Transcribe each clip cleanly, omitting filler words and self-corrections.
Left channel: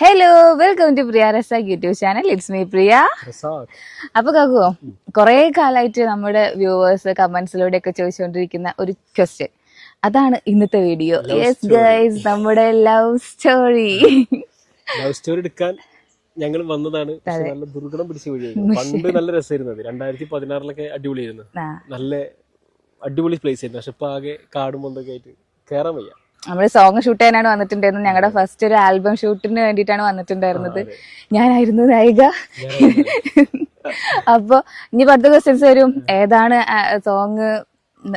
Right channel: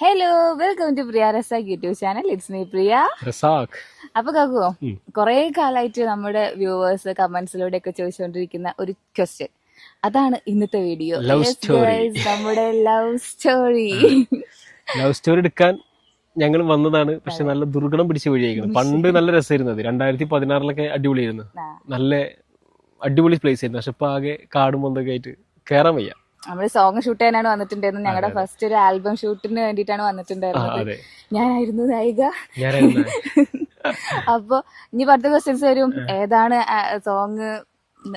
Hello welcome to Priya Razak YouTube channel. It's me Priya Razak. അപ്പൊ കാക്കോ, കുറെ കാലമായിട്ട് നമ്മുടെ വ്യൂവേഴ്സ് കമന്റ്സിലൂടെ ഒക്കെ ചോദിച്ചുകൊണ്ടിരിക്കുന്ന ഒരു ക്വസ്റ്റ്യൻ, അതാണ് ഇന്നത്തെ വീഡിയോ. യെസ് ഗൈസ്, നമ്മുടെ ലവ് സ്റ്റോറി. ലവ് സ്റ്റോറി എടുക്കാൻ ഞങ്ങൾ വന്നതാണ്. പക്ഷെ നല്ല ദുർഗണം പിടിച്ച വഴിയായിരുന്നു. പണ്ട് നല്ല രസമായിരുന്നു. 2016 അടിപൊളിയായിരുന്നു. നല്ല അടിപൊളി പ്ലേസ് ആയിരുന്നു. പക്ഷെ ഇപ്പൊ ആകെ കാടും എന്തൊക്കെ ആയിട്ട് കയറാൻ വയ്യ. നമ്മള് സോങ് ഷൂട്ട് ചെയ്യാനാണ് വന്നിട്ടുണ്ടായിരുന്നത്. ഞങ്ങളുടെ ഫസ്റ്റ് ഒരു ആൽബം ഷൂട്ടിന് വേണ്ടിയിട്ടാണ് വന്നിട്ടുണ്ടായിരുന്നത്. ഞാനായിരുന്നു നായിക. അപ്പൊ ഇനി 10 ക്വസ്റ്റ്യൻസ് വരും. ഏതാണ് സോങ്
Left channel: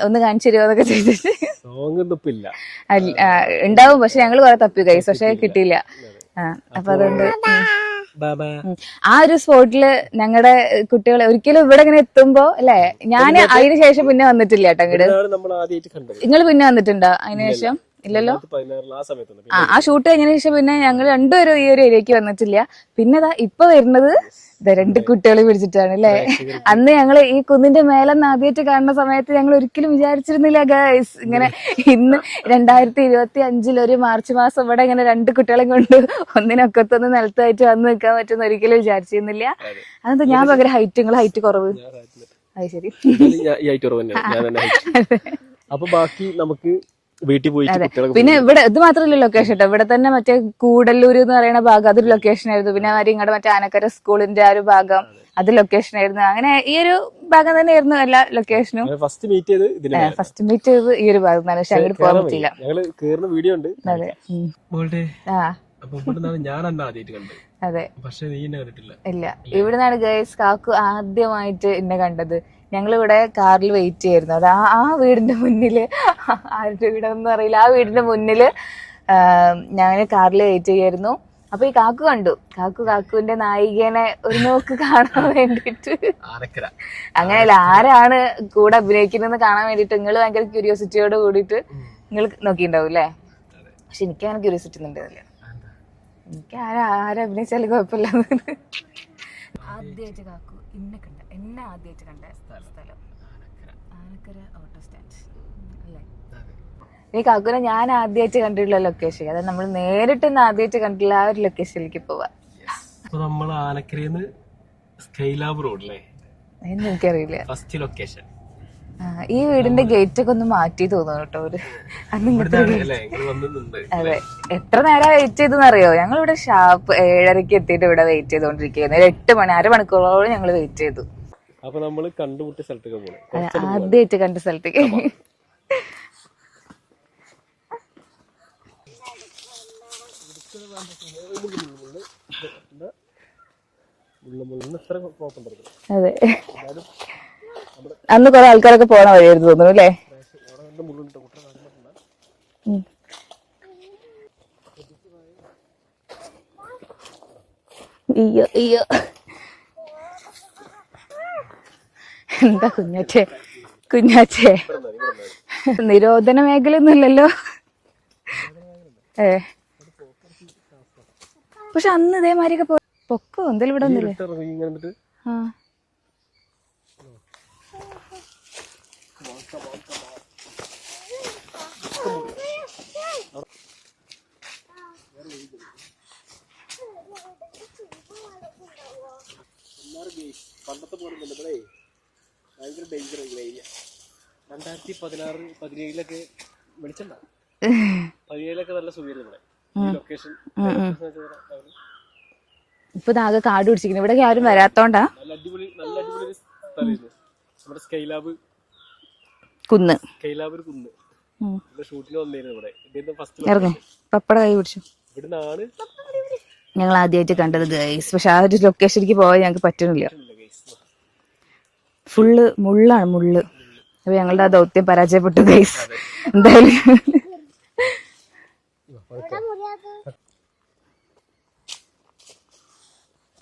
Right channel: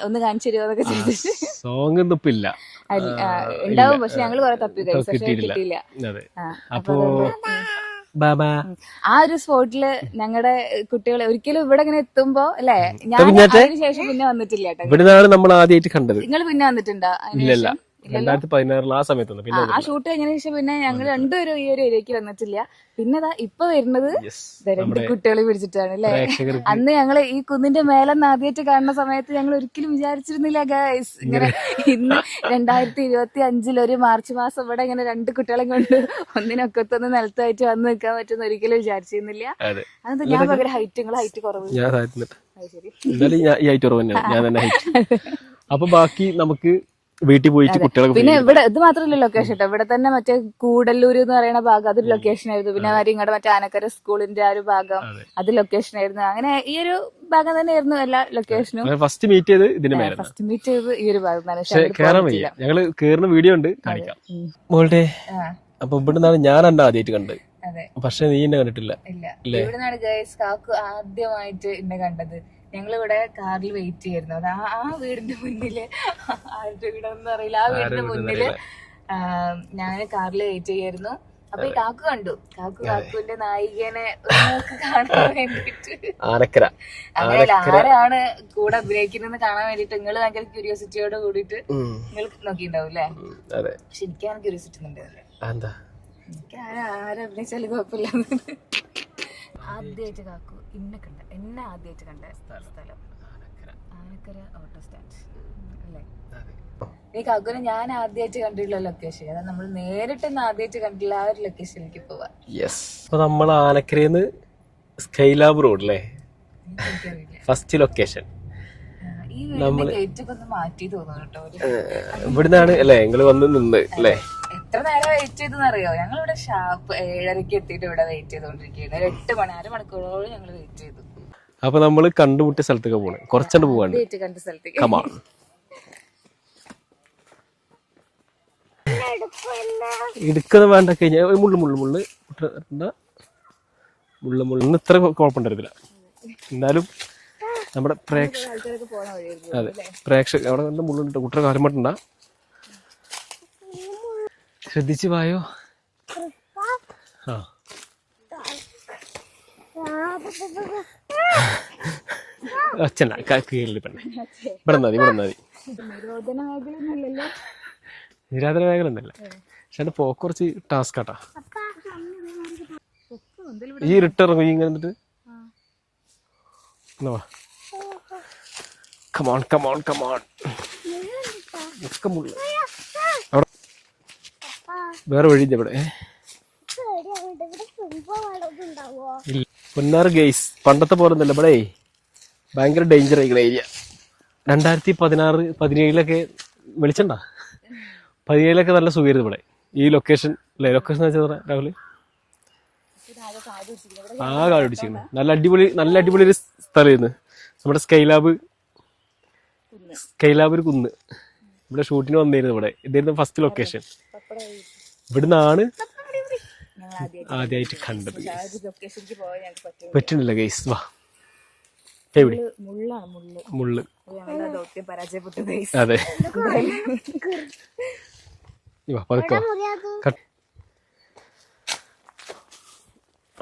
ഒന്ന് കാണിച്ചു തരുമോ എന്നൊക്കെ ചെയ്തിട്ട്. സോങ് ഒന്നും ഇപ്പൊ ഇല്ല, ഉണ്ടാവും. പക്ഷെ ഞങ്ങള് കുറെ തപ്പി കഴിച്ചു, പക്ഷെ കിട്ടിയില്ല. അപ്പൊ അതുകൊണ്ട് ആ ഒരു സ്പോട്ടില് ഞങ്ങളുടെ കുട്ടികളെ ഒരിക്കലും ഇവിടെ ഇങ്ങനെ എത്തുമ്പോ അല്ലെ, ഞാൻ അതിന് ശേഷം പിന്നെ വന്നിട്ടില്ല കേട്ടോ. നമ്മൾ ആദ്യമായിട്ട് കണ്ടത്. നിങ്ങൾ പിന്നെ വന്നിട്ടുണ്ടോ അതിന് ശേഷം? ഇല്ലല്ലോ. 2016 ആ സമയത്ത് ആ ഷൂട്ട് കഴിഞ്ഞതിന് ശേഷം പിന്നെ ഞങ്ങൾ രണ്ടുപേരും ഈ ഒരു ഏരിയക്ക് വന്നിട്ടില്ല. പിന്നെ ഇപ്പൊ വരുന്നത് 2 കുട്ടികളെ പിടിച്ചിട്ടാണ് അല്ലെ. അന്ന് ഞങ്ങള് ഈ കുന്നിന്റെ മേലെന്ന് ആദ്യമായിട്ട് കാണുന്ന സമയത്ത് ഞങ്ങൾ ഒരിക്കലും വിചാരിച്ചിരുന്നില്ല ഗൈസ്, ഇങ്ങനെ ഇന്ന് 2025 ഒരു മാർച്ച് മാസം ഇവിടെ ഇങ്ങനെ 2 കുട്ടികളെ കൊണ്ട് ഒന്നിനൊക്കത്തൊന്ന് നിലത്തായിട്ട് വന്ന് നിൽക്കാൻ പറ്റുന്ന ഒരിക്കലും വിചാരിച്ചിരുന്നില്ല. അതെന്താ ഞാൻ ഭയങ്കര ഹൈറ്റ്, നിങ്ങൾ ഹൈറ്റ് കുറവ്. അത് ശരി. അപ്പൊ ബാക്കി നമുക്ക് വീട്ടിൽ പോയിട്ട് കുട്ടികളെ. പിന്നെ ഇവിടെ ഇത് മാത്രമല്ല ലൊക്കേഷൻ കേട്ടോ, ഇവിടെ തന്നെ മറ്റേ കൂടല്ലൂർ എന്ന് പറയുന്ന ഭാഗം അതൊരു ലൊക്കേഷൻ ആയിരുന്നു. പിന്നെ ഇങ്ങടെ മറ്റേ ആനക്കര സ്കൂളിന്റെ ആ ഒരു ഭാഗം അത് ലൊക്കേഷൻ ആയിരുന്നു. അങ്ങനെ ഈ ഒരു ഭാഗം തന്നെയായിരുന്നു എല്ലാ ലൊക്കേഷനും. ഫസ്റ്റ് മീറ്റ് ചെയ്തത് ഈ ഒരു ഭാഗം തന്നെ. പക്ഷെ അങ്ങോട്ട് പോകാൻ പറ്റില്ല. ഞങ്ങള് കേറുന്ന വീഡിയോ ഉണ്ട് മോളുടെ. അപ്പൊ ഇവിടുന്നാണ് ഞാൻ എന്നെ ആദ്യമായിട്ട് കണ്ടത്. അതെ, പക്ഷെ നീ എന്നെ കണ്ടിട്ടില്ല. ഇല്ല, ഇവിടുന്നാണ് ഗൈസ് കാക്കു ആദ്യമായിട്ട് എന്നെ കണ്ടത്. ഞങ്ങളിവിടെ കാറിൽ വെയിറ്റ് ചെയ്യായിരുന്നു. അത് ആ വീടിന്റെ മുന്നില്, ആരുടെ വീടെന്ന് അറിയില്ല, ആ വീടിന്റെ മുന്നില് ഞാൻ കാറിൽ വെയിറ്റ് ചെയ്യായിരുന്നു. അപ്പൊ ഈ കാക്കു കണ്ടു. കാക്കുവിന്റെ നായികനെ ഒരു നോക്ക് കാണാൻ വേണ്ടിട്ട്, അങ്ങനെയല്ല ആരാണ് കൂടെ അഭിനയിക്കുന്നതെന്ന് കാണാൻ വേണ്ടിട്ട് നിങ്ങൾ ഭയങ്കര ക്യൂരിയോസിറ്റിയോട് കൂടിയിട്ട് നിങ്ങൾ നോക്കിണ്ടാവും അല്ലേ. പക്ഷെ എനിക്ക് അങ്ങനെ ക്യൂരിയോസിറ്റി ഉണ്ടാവില്ല. എനിക്ക് ആരഭിനയിച്ചാലും കുഴപ്പമില്ല. ആദ്യമായിട്ട് കാക്കു എന്നെ ആദ്യമായിട്ട് കണ്ട സ്ഥലം ആനക്കര ഓട്ടോ സ്റ്റാൻഡ് അല്ലേ. ഈ കാക്കുനെ ഞാൻ ആദ്യമായിട്ട് കണ്ടിട്ടുള്ള ലൊക്കേഷൻ, അതായത് നമ്മൾ നേരിട്ട് ആദ്യമായിട്ട് കണ്ടിട്ടുള്ള ആ ഒരു ലൊക്കേഷനിലേക്ക് പോവാ. നമ്മൾ ആനക്കരന്ന് സ്കൈലാബ് റോഡ് അല്ലേ, എനിക്കറിയില്ല ഫസ്റ്റ് ലൊക്കേഷൻ. ഈ വീടിന്റെ ഗേറ്റ് ഒക്കെ ഒന്ന് മാറ്റി തോന്നുന്നു കേട്ടോ. എത്ര നേരം വെയിറ്റ് ചെയ്തെന്നറിയോ? ഞങ്ങൾ ഇവിടെ ഷാർപ്പ് 7:30 എത്തിയിട്ട് ഇവിടെ വെയിറ്റ് ചെയ്തോണ്ടിരിക്കുകയായിരുന്നു. 8 മണി, അരമണിക്കൂറോളം ഞങ്ങൾ വെയിറ്റ് ചെയ്തു. അപ്പൊ നമ്മള് കണ്ടുമുട്ടിയ സ്ഥലത്തേക്ക് പോകണം. ആദ്യമായിട്ട് കണ്ട സ്ഥലത്തേക്ക്. എടുക്കുന്നത് വേണ്ട, കഴിഞ്ഞ മുള്ളു ഇത്ര കുഴപ്പമുണ്ടായിരുന്നില്ല. എന്നാലും നമ്മുടെ അന്ന് കുറെ ആൾക്കാരൊക്കെ പോണ വഴിയായിരുന്നു തോന്നുന്നു അല്ലേ. പ്രേക്ഷകർ അവിടെ നല്ല മുള്ളുണ്ട്, കുട്ടിയുടെ കാര്യം പറ്റണ്ട. ശ്രദ്ധിച്ചു പോയോ? കുഞ്ഞാച്ചേ, നിരോധന മേഖല ഒന്നുമില്ലല്ലോ. നിരോധന മേഖല ഉണ്ടല്ലേ, പക്ഷെ പോക്ക് കുറച്ച് ടാസ്ക് ആട്ടാ. പക്ഷെ അന്ന് ഇതേമാതിരിയൊക്കെ പൊക്കോ എന്തായാലും ഇവിടെ വേറെ വഴി ഇവിടെ പൊന്നാറ് ഗൈസ്. പണ്ടത്തെ പോലെ ഒന്നല്ല ഇവിടെ, ഭയങ്കര ഡേഞ്ചർ ആയിരിക്കുന്ന ഏരിയ. 2016-17 വെളിച്ചണ്ട, 17 നല്ല സുഖമായിരുന്നു ഇവിടെ ഈ ലൊക്കേഷൻ. ലൊക്കേഷൻ രാഹുല് ഇപ്പൊ ആകെ കാട് പിടിച്ചിരിക്കുന്നു. ഇവിടെ ആരും വരാത്തോണ്ടാ. നല്ല അടിപൊളി ഒരു സ്ഥലമായിരുന്നു നമ്മുടെ സ്കൈലാബ് കുന്ന്. ഒരു കുന്ന്. ഇവിടെ ഷൂട്ടിന് വന്നിരുന്നു. ഇവിടെ ഇതായിരുന്നു ഫസ്റ്റ് ലൊക്കേഷൻ. ഇവിടുന്നാണ് ഞങ്ങൾ ആദ്യമായിട്ട് കണ്ടത് ഗൈസ്. പക്ഷെ ആ ഒരു ലൊക്കേഷനിലേക്ക് പോകാൻ ഞങ്ങൾക്ക് പറ്റുന്നില്ല ഗൈസ്. ഫുള്ള് മുള്ളാണ്, മുള്ള്. അപ്പൊ ഞങ്ങളുടെ ആ ദൗത്യം പരാജയപ്പെട്ടു ഗൈസ്. എന്തായാലും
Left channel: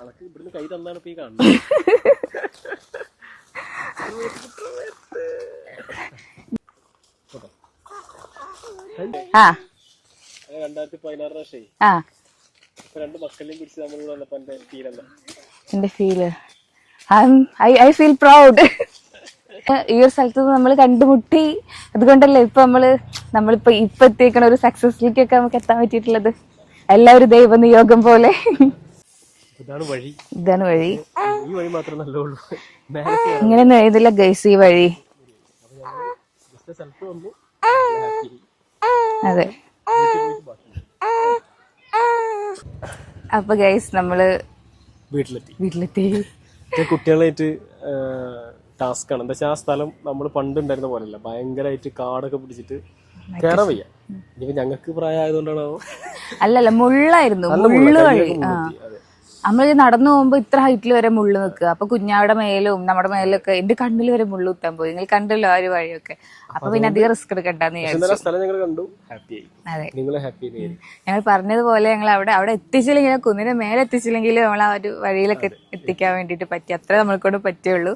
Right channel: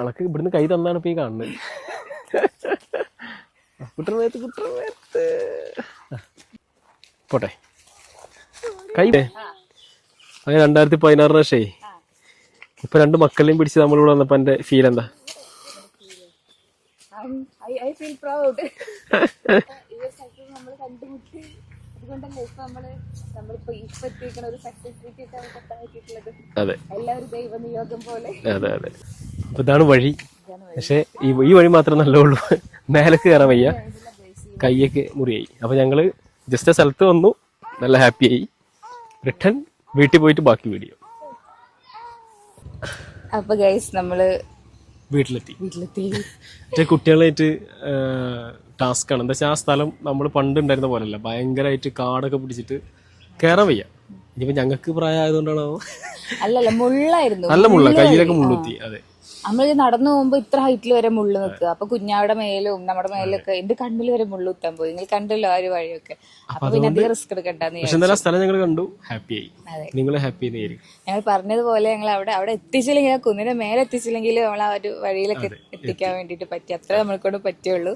അളക്ക് ഇവിടുന്ന് കൈ തന്നാണ് ഇപ്പൊ ഈ കാണുന്നത്. പോട്ടെ കൈ. 2016 ഇപ്പൊ 2 മക്കളെയും പിടിച്ച് നമ്മളിവിടെ വന്നപ്പോ എന്റെ ഫീൽ എന്താ? എന്റെ ഫീല് ഐ ഫീൽ പ്രൗഡ്. ഈ ഒരു സ്ഥലത്ത് നമ്മൾ കണ്ടുമുട്ടി. അതുകൊണ്ടല്ലേ ഇപ്പൊ നമ്മളിപ്പോ എത്തിയേക്കണ ഒരു സക്സസിലേക്കൊക്കെ നമുക്ക് എത്താൻ പറ്റിയിട്ടുള്ളത്. എല്ലാവരും ദൈവ നിയോഗം പോലെ. ഇതാണ് വഴി. ഈ വഴി മാത്രമേ നല്ലുള്ളൂ. മേലേക്ക് കയറാൻ ഗൈസ് ഈ വഴി മുറിയായി. അപ്പൊ ഞങ്ങള് ജസ്റ്റ് സ്ഥലത്ത് വന്നു, നല്ല ഹാപ്പി ആയി. വീട്ടിൽ പോയിട്ട് ബാക്കി വീഡിയോ. അപ്പൊ ഗൈസ് നമ്മള് വീട്ടിലെത്തി. കുട്ടികളായിട്ട് ടാസ്ക് ആണ്. എന്താ വെച്ചാൽ ആ സ്ഥലം നമ്മൾ പണ്ട് ഉണ്ടായിരുന്ന പോലെയല്ല, ഭയങ്കരമായിട്ട് കാടൊക്കെ പിടിച്ചിട്ട് കയറാൻ വയ്യ. ഇനിയിപ്പോ ഞങ്ങൾക്ക് പ്രായം ആയതുകൊണ്ടാണോ? അല്ലല്ല, മുള്ളായിരുന്നു. നല്ല മുള്ള, കയ്യിലൊക്കെ മുള്ളെത്തി. അതെ, നമ്മൾ നടന്നു പോകുമ്പോ ഇത്ര ഹൈറ്റിൽ വരെ മുള്ളു നിൽക്കുക. അപ്പൊ കുഞ്ഞാവിടെ മേലും നമ്മുടെ മേലൊക്കെ എന്റെ കണ്ണിൽ വരെ മുള്ളു കുത്താൻ പോയി. നിങ്ങൾ കണ്ടല്ലോ ആ ഒരു വഴിയൊക്കെ. അപ്പൊ പിന്നെ അധികം റിസ്ക് എടുക്കണ്ടെന്ന് സ്ഥലം ഞങ്ങൾ കണ്ടു, ഹാപ്പി ആയി. അതെ, നിങ്ങൾ ഹാപ്പി ഞങ്ങൾ പറഞ്ഞതുപോലെ ഞങ്ങൾ അവിടെ എത്തിച്ചില്ലെങ്കിൽ, കുന്നിന്റെ മേലെ എത്തിച്ചില്ലെങ്കിൽ നമ്മൾ ആ ഒരു വഴിയിലൊക്കെ എത്തിക്കാൻ വേണ്ടിട്ട് പറ്റി. അത്ര നമ്മൾക്കൊണ്ട് പറ്റുള്ളൂ.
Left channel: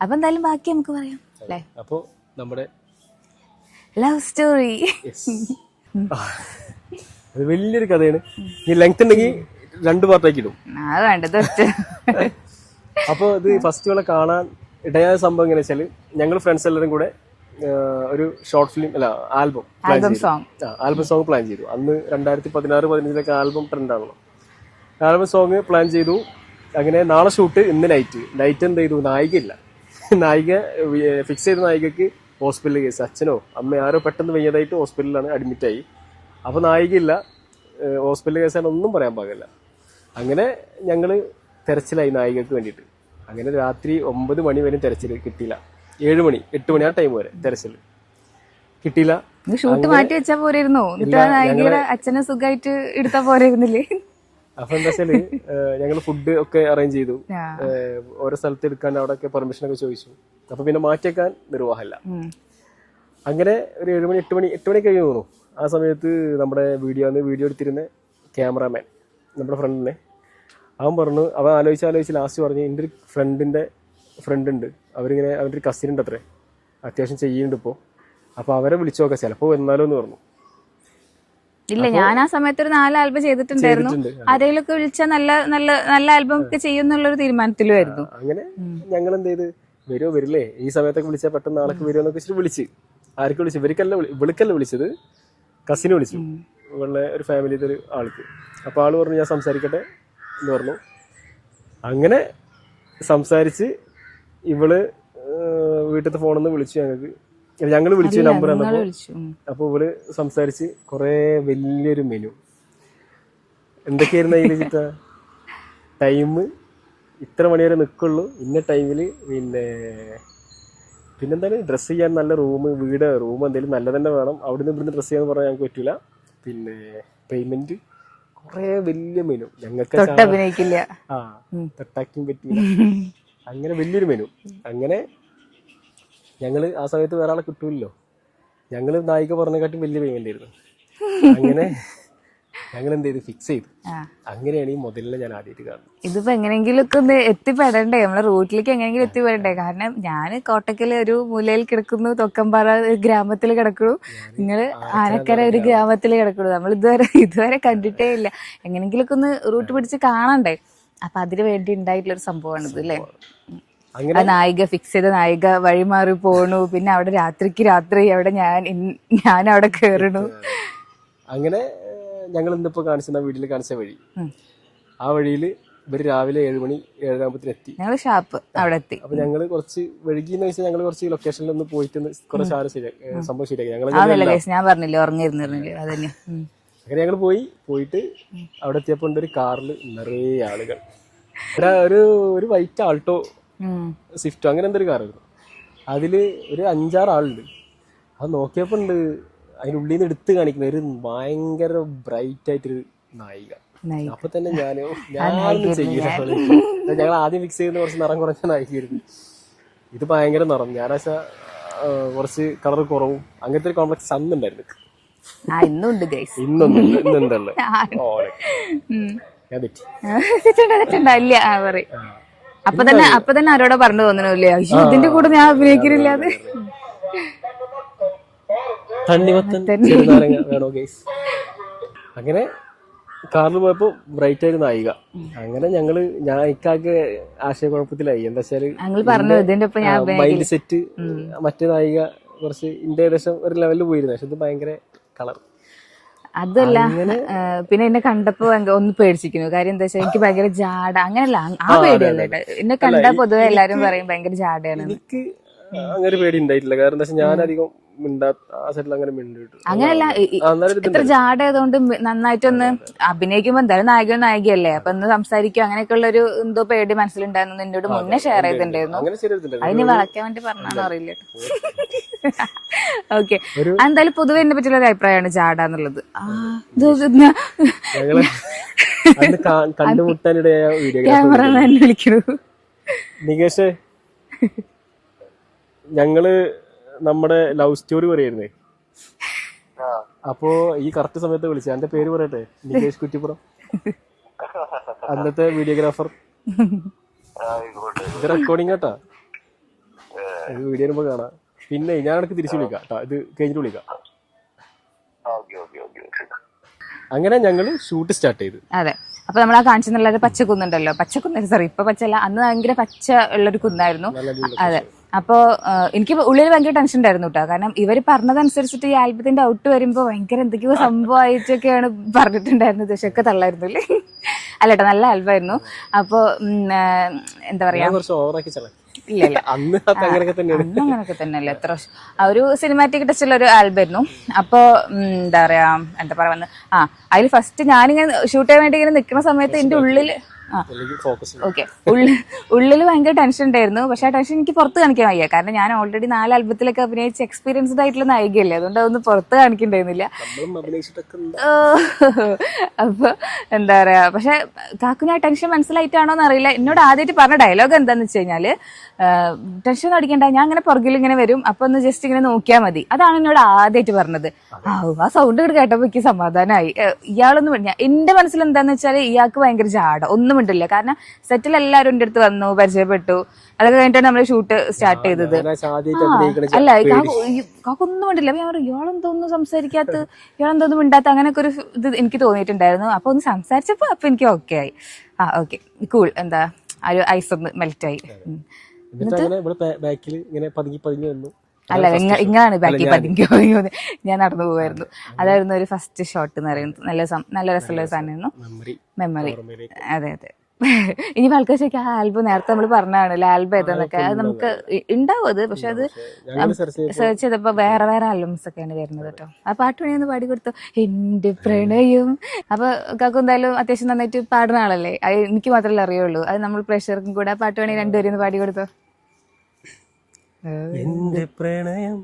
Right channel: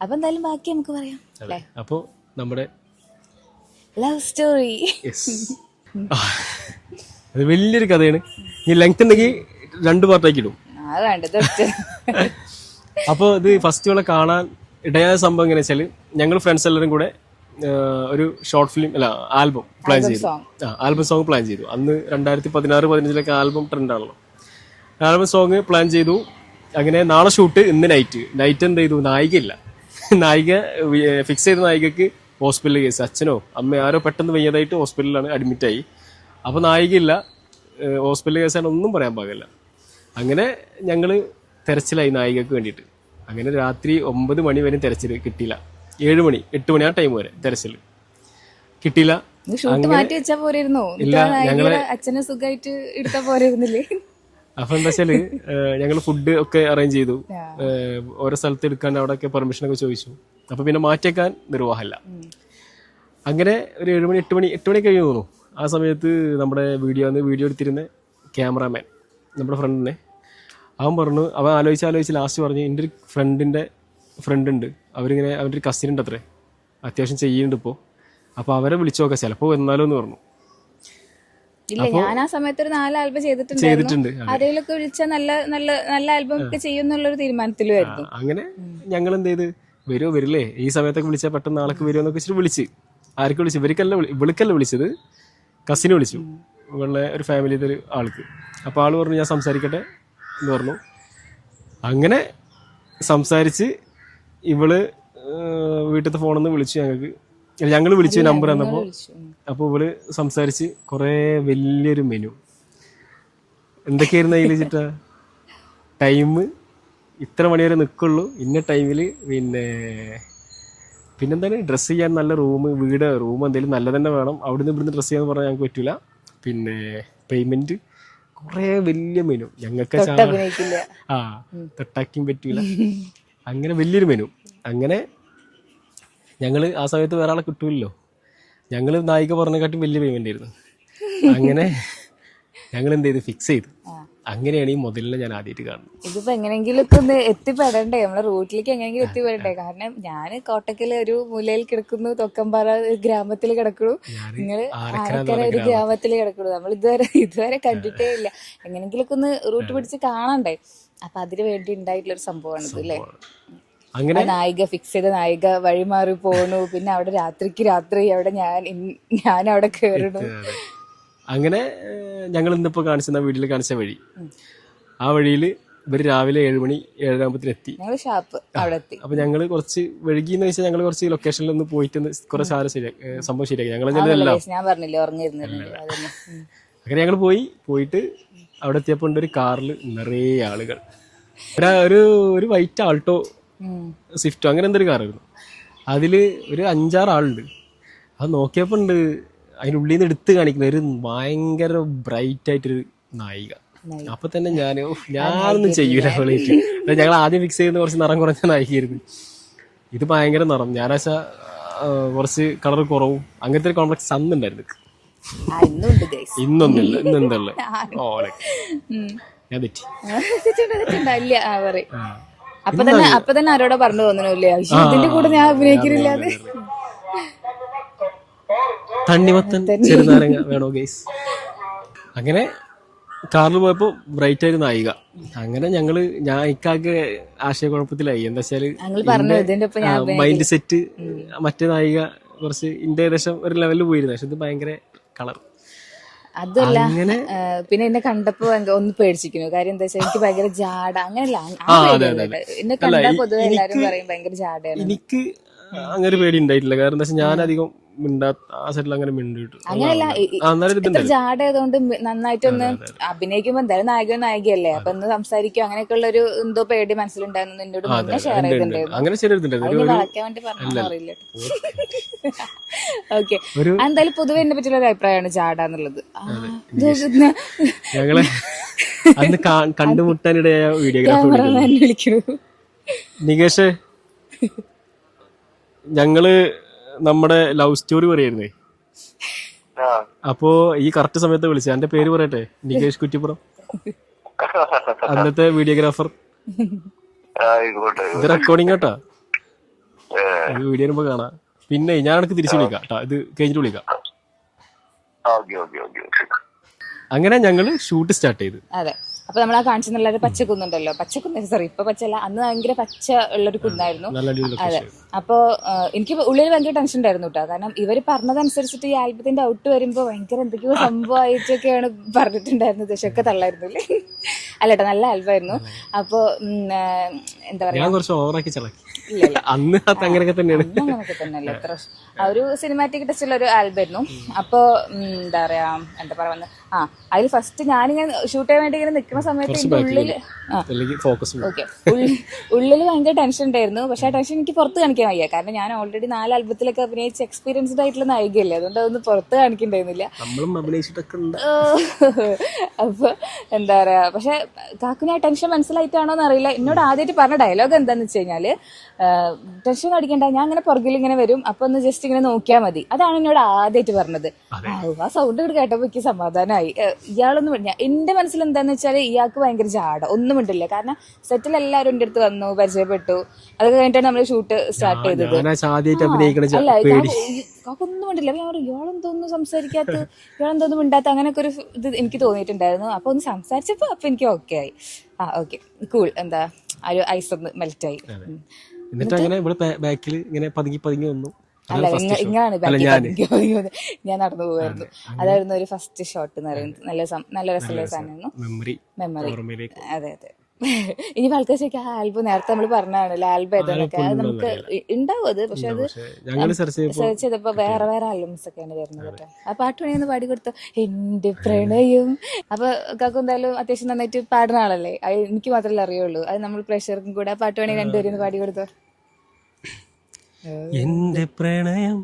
അപ്പൊ എന്തായാലും ബാക്കി നമുക്ക് പറയാം അല്ലേ. അപ്പൊ നമ്മുടെ ലവ് സ്റ്റോറി വലിയൊരു കഥയാണ്. ഈ ലെങ്ത് ഉണ്ടെങ്കിൽ 2 പാർട്ടാക്കി ഇടും. അപ്പോൾ ഇത് ഫസ്റ്റ് ഇവിടെ കാണാൻ ഇടയായ സംഭവം എങ്ങനെ വെച്ചാൽ, ഞങ്ങൾ ഫ്രണ്ട്സ് എല്ലാവരും കൂടെ ഒരു ഷോർട്ട് ഫിലിം ആൽബം പ്ലാൻ ചെയ്തു. ആൽബം സോങ് പ്ലാൻ ചെയ്തു. അന്ന് 2016-15 ആൽബം ട്രെൻഡാണല്ലോ. ആൽബം സോങ് പ്ലാൻ ചെയ്തു. അങ്ങനെ നാളെ ഷൂട്ട്, ഇന്ന് നൈറ്റ് എന്ത് ചെയ്തു, നായികയില്ല. നായിക ഫിക്സ് ചെയ്ത നായികക്ക് ഹോസ്പിറ്റൽ കേസ്, അച്ഛനോ അമ്മ ആരോ പെട്ടെന്ന് വയ്യാതായിട്ട് ഹോസ്പിറ്റലിലാണ് അഡ്മിറ്റായി. അപ്പോൾ നായികയില്ല, ഹോസ്പിറ്റൽ കേസാണ്, ഒന്നും പറയാൻ പാകില്ല. അങ്ങനെ ഞങ്ങൾ തെരച്ചിലായി നായികക്ക് വേണ്ടിയിട്ട്. അങ്ങനെ രാത്രി 9 മണി വരെ തെരച്ചിൽ കിട്ടിയില്ല. 7 മണി 8 മണി ആ ടൈം വരെ തെരച്ചിൽ കിട്ടിയില്ല. ഷൂട്ട് മാറ്റി വെച്ചാ പോരായിരുന്നോ? അച്ഛനെ സുഖമായിട്ട് എടുത്താ പോരായിരുന്നില്ലേ? അപ്പൊ എന്താ വെച്ചാല് ഞങ്ങൾ ഫുഡ് ഒക്കെ അറേഞ്ച് ചെയ്തു. ഓരോ സ്ഥലത്ത് എടുക്കാൻ അവിടെ ഒക്കെ പെർമിഷൻ ഒക്കെ ചോദിച്ചു. അപ്പൊ പിന്നെ മാറ്റിയേക്കാൻ നിർവാഹമില്ല. അങ്ങനെ ഒരു 7 മണി 8 മണി കഴിഞ്ഞു തോന്നുന്നു. ആ സമയത്ത് നമ്മുടെ വീഡിയോ എടുത്തിരുന്ന ക്യാമറാമാൻ, നമ്മുടെ ഫ്രണ്ടിനെ, അവൻ പറഞ്ഞു, അവൻ ആലോചിച്ച് ലാസ്റ്റ് പറഞ്ഞു, എൻ്റെ ഒരു ഫ്രണ്ട് ഉണ്ട്, അവരിങ്ങനെ അവൻ്റെ ഒരു കസിൻ ഉണ്ട് അത്രേ, അത്യാവശ്യം ചെയ്യുന്നുണ്ട് ഇപ്പോൾ, അപ്പോൾ അവരെ വിളിച്ചു നോക്കാം, ചിലപ്പോൾ എന്നാലോ എന്ന് പറഞ്ഞു. ഇല്ല, ഞാൻ ആ സമയത്ത് ഒരു 4 ആൽബം ചെയ്തിട്ടുണ്ട്. ആരെങ്കിലൊക്കെ വിളിച്ചാൽ നല്ല ആൽബം ഒക്കെ ചെയ്യുന്നുള്ളൊരു തീരുമാനത്തിലുമായിരുന്നു. അങ്ങനെ ഞങ്ങൾ എന്ത് ചെയ്ത്, വരുമോ വരില്ലേ, ഈ സമയത്തൊക്കെ വിളിച്ചാൽ പെട്ടെന്ന് നാളെ വരുമോ എന്നൊക്കെ വെച്ചിട്ട് വിളിച്ച്. ആർക്ക് വിളിച്ചു? ഇവൾക്കല്ല വിളിച്ചത്, കസിനെ വിളിച്ചു, ഇവളുടെ ഒരു ഫാമിലിയിലെ ഒരു ആൾക്ക്. അപ്പോൾ ആൾ പറഞ്ഞു ഞാൻ സംസാരിക്കട്ടെ എന്ന് പറഞ്ഞു. അങ്ങനെ സംസാരിച്ച് ഇവള് വീട്ടിലത്തെ ഫോണിൽ നിന്ന് വിളിച്ചു. ഞങ്ങൾ വിളിച്ചു, നമ്പർ തന്നപ്പോൾ. അപ്പോൾ ഇവള് സംസാരിച്ച് കുറേ വലിയൊരു മെനു എന്തൊക്കെയായിരുന്നു അതിൽ വെച്ചിട്ടാ, ടൈം ഇത്ര മണി വരെ നിൽക്കുള്ളൂ, ഇന്ന ടൈമിൽ, പിന്നെന്താണ് ഡ്രസ്സ് ചെയ്യാൻ നല്ല റൂം എന്തെങ്കിലും നല്ല തന്നെ വേണം, അവിടുന്ന് ഇവിടുന്ന് ഡ്രസ്സ് ചെയ്യാന്ന് പറഞ്ഞാൽ ഞങ്ങൾക്ക് പറ്റൂല, പിന്നെ പേയ്മെന്റ്, കുറേ വലിയ മെനു. ഞങ്ങൾക്ക് തൊട്ടാക്കിയും പറ്റൂല, അങ്ങനെ വലിയൊരു മെനു. അങ്ങനെ ഞങ്ങൾ ആ സമയത്ത് വേറെ ആളെ കിട്ടൂല്ലോ, ഞങ്ങൾ നായിക പറഞ്ഞെക്കാട്ടും വലിയ പേയ്മെന്റ് ആയിരുന്നു. അങ്ങനെ ഞങ്ങൾ എന്ത് ചെയ്ത് ഫിക്സ് ചെയ്തു. അങ്ങനെയാണ് ഈ മുതലിനെ ഞാൻ ആദ്യമായിട്ട് കാണുന്നത്. ഇതിപ്പോ എങ്ങനെയെങ്കിലൊക്കെ ഒന്ന് എത്തിപ്പെടണ്ടേ, നമ്മളെ റൂട്ടിലേക്ക് എങ്ങനെയെങ്കിലും എത്തിപ്പെടണ്ടേ? കാരണം ഞാൻ കോട്ടക്കല് ഒരു മൂലയിൽ കിടക്കുന്നു, തൊക്കമ്പാറ ഗ്രാമത്തിൽ കിടക്കുന്നു, നിങ്ങള് ആനക്കര ഒരു ഗ്രാമത്തിൽ കിടക്കുന്നു. നമ്മൾ ഇതുവരെ കണ്ടിട്ടേ ഇല്ല. എങ്ങനെയെങ്കിലൊക്കെ ഒന്ന് റൂട്ട് പിടിച്ച് കാണണ്ടേ? അപ്പൊ അതിന് വേണ്ടി ഉണ്ടായിട്ടുള്ള ഒരു സംഭവമാണ് ഇത് അല്ലേ. നായിക ഫിക്സ് ചെയ്ത നായിക വഴിമാറി പോണു, പിന്നെ അവിടെ രാത്രി അവിടെ ഞാൻ അവിടെ കേറണു. അങ്ങനെ ഞങ്ങൾ ഇന്നിപ്പോ കാണിച്ച വീട്ടിൽ കാണിച്ച വഴി, ആ വഴിയിൽ ഇവര് രാവിലെ 7 മണി 7:30 എത്തി. അവിടെ എത്തി. അപ്പൊ ഞങ്ങള് കുറച്ച് വഴുകിന്ന് വെച്ചാൽ ഞങ്ങൾ കുറച്ച് ലൊക്കേഷനിൽ ഒന്ന് പോയിട്ട് കുറച്ച് സംഭവം ശരിയാക്കി. ഞാൻ പറഞ്ഞില്ലേ അങ്ങനെ ഞങ്ങൾ പോയിട്ട് അവിടെ എത്തിയപ്പോ ഉണ്ട് ഒരു കാറിൽ നിറയെ ആളുകൾ. ഒരു വൈറ്റ് ആൾട്ടോ സ്വിഫ്റ്റോ അങ്ങനെ എന്തൊരു കാറായിരുന്നു. അതില് ഒരു 5-6 ആളുണ്ട്. അത് നോക്കിയപ്പോ ഉണ്ട് അതിനുള്ളിൽ നിന്ന് എടുത്ത് കാണിക്കുന്ന ഒരു ഭയങ്കര ബ്രൈറ്റ് ആയിട്ടൊരു നായിക. അപ്പൊ തന്നെ ഞാനൊന്നും ചെയ്യൂല. ഞങ്ങൾ ആദ്യം ഫിക്സ് ചെയ്യുന്ന കുറച്ച് നിറം കുറഞ്ഞ നായികയായിരുന്നു. ഇത് ഭയങ്കര നിറം, ഞാനാച്ച കുറച്ച് കളർ കുറവും, അങ്ങനത്തെ ഒരു കോംപ്ലക്സ് അന്നുണ്ടായിരുന്നു. ഇന്നൊന്നുമില്ല. ഇന്ന് എന്തല്ലേ ഞാൻ തെറ്റി. അപ്പൊ തന്നെ ആരോടോ പറഞ്ഞു തോന്നണില്ലേ, ഇതിന്റെ കൂടെ ഞാൻ അഭിനയിക്കുന്നില്ലാതെ. തണ്ണിമത്തൻ ചെറുനാരങ്ങ വേണോ ഗൈസ്? അങ്ങനെ കാറിൽ പോയപ്പോ ബ്രൈറ്റ് ആയിരുന്നു നായിക. അങ്ങനെ ഞങ്ങള് ഞാൻ ഇക്കാക്ക് ആശയക്കുഴപ്പത്തിലായി. എന്താ വെച്ചാല് ഞങ്ങൾ പറഞ്ഞു ഇതിന്റെ ഒപ്പം ഞാൻ മൈൻഡ് സെറ്റ് മറ്റേ നായിക കുറച്ച് ഇന്റെ ഏകദേശം ഒരു ലെവലിൽ പോയിരുന്നു. പക്ഷെ ഇത് ഭയങ്കര കളർ. അതല്ല പിന്നെ എന്നെ കണ്ടപ്പോ ഒന്ന് പേടിച്ചിരിക്കുന്നു. കാര്യം എന്താ വെച്ചാൽ എനിക്ക് ഭയങ്കര ജാട അങ്ങനെയല്ല ആ പേടിയല്ല. എന്നെ കണ്ടാ പൊതുവെ എല്ലാരും പറയും ഭയങ്കര ജാടയാണ്. എനിക്ക് അങ്ങനെ പേടി ഉണ്ടായിട്ടില്ല. കാരണം എന്താ വെച്ചാൽ ഞാനധികം ആ സൈഡിൽ അങ്ങനെ മിണ്ടിട്ടു അങ്ങനെയല്ല ഇത്ര ജാട ആയതുകൊണ്ട് നന്നായിട്ടൊന്ന് അഭിനയിക്കുമ്പോ എന്തായാലും നായകനും നായികയല്ലേ, അപ്പൊ ഒന്ന് സംസാരിക്കും അങ്ങനെയൊക്കെ ഉള്ള ഒരു എന്തോ പേടി മനസ്സിലുണ്ടായിരുന്നു. എന്നോട് മുന്നേ ഷെയർ ചെയ്തിട്ടുണ്ടായിരുന്നു. അതിന് വളയ്ക്കാൻ വേണ്ടി പറഞ്ഞാണോ അറിയില്ല. ഓക്കെ, എന്തായാലും പൊതുവെ എന്നെ പറ്റിയുള്ള ഒരു അഭിപ്രായമാണ് ജാട എന്നുള്ളത്. ഞങ്ങള് കണ്ടുമുട്ടാനിടയായ ക്യാമറ വിളിക്കണു നികേഷ്. ഞങ്ങള് നമ്മുടെ ലവ് സ്റ്റോറി പറയായിരുന്നേ. അപ്പോ ഈ കറക്റ്റ് സമയത്ത് വിളിച്ചത്. എന്റെ പേര് പറയട്ടെ, നികേഷ് കുറ്റിപ്പുറം, അന്നത്തെ വീഡിയോഗ്രാഫർ. ഇത് റെക്കോർഡിംഗ് കേട്ടാ, വീഡിയോ വരുമ്പോ കാണാം. പിന്നെ ഞാൻ എനിക്ക് തിരിച്ചു വിളിക്കാം കേട്ടോ, ഇത് കഴിഞ്ഞിട്ട് വിളിക്കാം. അങ്ങനെ ഞങ്ങള് ഷൂട്ട് സ്റ്റാർട്ട് ചെയ്തു. അതെ, അപ്പൊ നമ്മൾ ആ കാണിച്ചെന്നുള്ള ഒരു പച്ചക്കുന്നുണ്ടല്ലോ, പച്ചക്കുന്ന് സോറി ഇപ്പൊ പച്ചല്ല, അന്ന് ഭയങ്കര പച്ച ഉള്ളൊരു കുന്നായിരുന്നു. അതെ, അപ്പോ എനിക്ക് ഉള്ളിൽ ഭയങ്കര ടെൻഷൻ ഉണ്ടായിരുന്നു കേട്ടോ. കാരണം ഇവര് പറഞ്ഞതനുസരിച്ചിട്ട് ഈ ആൽബത്തിന്റെ ഔട്ട് വരുമ്പോ ഭയങ്കര എന്തൊക്കെയോ സംഭവമായിട്ടൊക്കെയാണ് പറഞ്ഞിട്ടുണ്ടായിരുന്നത്. പക്ഷെ ഒക്കെ തള്ളായിരുന്നില്ലേ? അല്ലട്ടോ, നല്ല ആൽബമായിരുന്നു. അപ്പൊ എന്താ പറയാ, അങ്ങനെയൊക്കെ തന്നെയല്ലേ, എത്ര ഒരു സിനിമാറ്റിക് ടച്ച് ഉള്ള ഒരു ആൽബമായിരുന്നു. അപ്പൊ എന്താ പറയാ, എന്താ പറയാ, അതിൽ ഫസ്റ്റ് ഞാനിങ്ങനെ ഷൂട്ട് ചെയ്യാൻ വേണ്ടി ഇങ്ങനെ നിൽക്കുന്ന സമയത്ത് എന്റെ ഉള്ളില് ഉള്ളിൽ ഭയങ്കര ടെൻഷൻ ഉണ്ടായിരുന്നു. പക്ഷെ ആ ടെൻഷൻ എനിക്ക് പുറത്ത് കാണിക്കാൻ വയ്യ. കാരണം ഞാൻ ഓൾറെഡി 4 ആൽബത്തിലൊക്കെ അഭിനയിച്ച് എക്സ്പീരിയൻസ്ഡ് ആയിട്ടുള്ള നായികയല്ലേ, അതുകൊണ്ട് അതൊന്നും പുറത്ത് കാണിക്കണ്ടായിരുന്നില്ല. അപ്പൊ എന്താ പറയാ, പക്ഷെ കാക്കുന് ആ ടെൻഷൻ മനസ്സിലായിട്ടാണോന്ന് അറിയില്ല. എന്നോട് ആദ്യമായിട്ട് പറഞ്ഞ ഡയലോഗ് എന്താന്ന് വെച്ച് കഴിഞ്ഞാല്, ടെൻഷൻ അടിക്കണ്ട, ഞാൻ അങ്ങനെ പുറകിൽ ഇങ്ങനെ വരും, അപ്പൊ ഒന്ന് ജസ്റ്റ് ഇങ്ങനെ നോക്കിയാൽ മതി. അതാണ് എന്നോട് ആദ്യമായിട്ട് പറഞ്ഞത്. ആ സൗണ്ട് കൂടെ കേട്ടപ്പോ എനിക്ക് സമാധാനമായി. ഇയാളൊന്നും എന്റെ മനസ്സിൽ എന്താന്ന് വെച്ചാൽ ഇയാൾക്ക് ഭയങ്കര ജാട, ഒന്നും ഉണ്ടില്ല. കാരണം സെറ്റിൽ എല്ലാവരും എന്റെ അടുത്ത് വന്നു, പരിചയപ്പെട്ടു. അതൊക്കെ കഴിഞ്ഞിട്ടാണ് നമ്മള് ഷൂട്ട് സ്റ്റാർട്ട് ചെയ്തത്. അല്ല കാക്കൊന്നും ഉണ്ടില്ല. ഞാൻ പറഞ്ഞു ഇയാളെന്തോന്നും സംസാരിക്കാത്ത, ഇയാളെന്തോന്നും മിണ്ടാത്ത, അങ്ങനെയൊക്കെ ഒരു ഇത് എനിക്ക് തോന്നിയിട്ടുണ്ടായിരുന്നു. അപ്പൊ ഒന്ന് സംസാരിച്ചപ്പോ അപ്പൊ എനിക്ക് ഓക്കെ ആയി. ഓക്കെ കൂൾ, എന്താ ഒരു ഐസ് ഒന്ന് മെൽറ്റായി. അല്ല ഇങ്ങാണ് ബാക്കി പതുങ്ങി ഞാൻ നടന്നു പോവായിരുന്നു. അതായിരുന്നു ഒരു ഫസ്റ്റ് ഷോട്ട് എന്ന് പറയുന്നത്. നല്ല രസമുള്ള സാധനമായിരുന്നു, മെമ്മറി. അതെ അതെ. ഇനി ആൾക്കാർ ചോദിക്കാം ആ ആൽബം നേരത്തെ നമ്മൾ പറഞ്ഞാണല്ലോ ആൽബം ഏതാന്നൊക്കെ, അത് നമുക്ക് ഉണ്ടാവും അത്. പക്ഷെ അത് സെർച്ച് ചെയ്തപ്പോ വേറെ ആൽബംസ് ഒക്കെയാണ് വരുന്നത് കേട്ടോ. ആ പാട്ട് വേണമെന്ന് പാടി കൊടുത്തു, എന്റെ പ്രണയം. അപ്പൊ കാക്കു എന്തായാലും അത്യാവശ്യം നന്നായിട്ട് പാടുന്ന ആളല്ലേ, അത് എനിക്ക് മാത്രമല്ലേ അറിയുള്ളൂ. അത് നമ്മൾ പ്രേക്ഷകർക്കും കൂടെ ആ പാട്ട് വേണമെങ്കിൽ രണ്ടുപേരും പാടി കൊടുത്തോ. എന്റെ പ്രണയം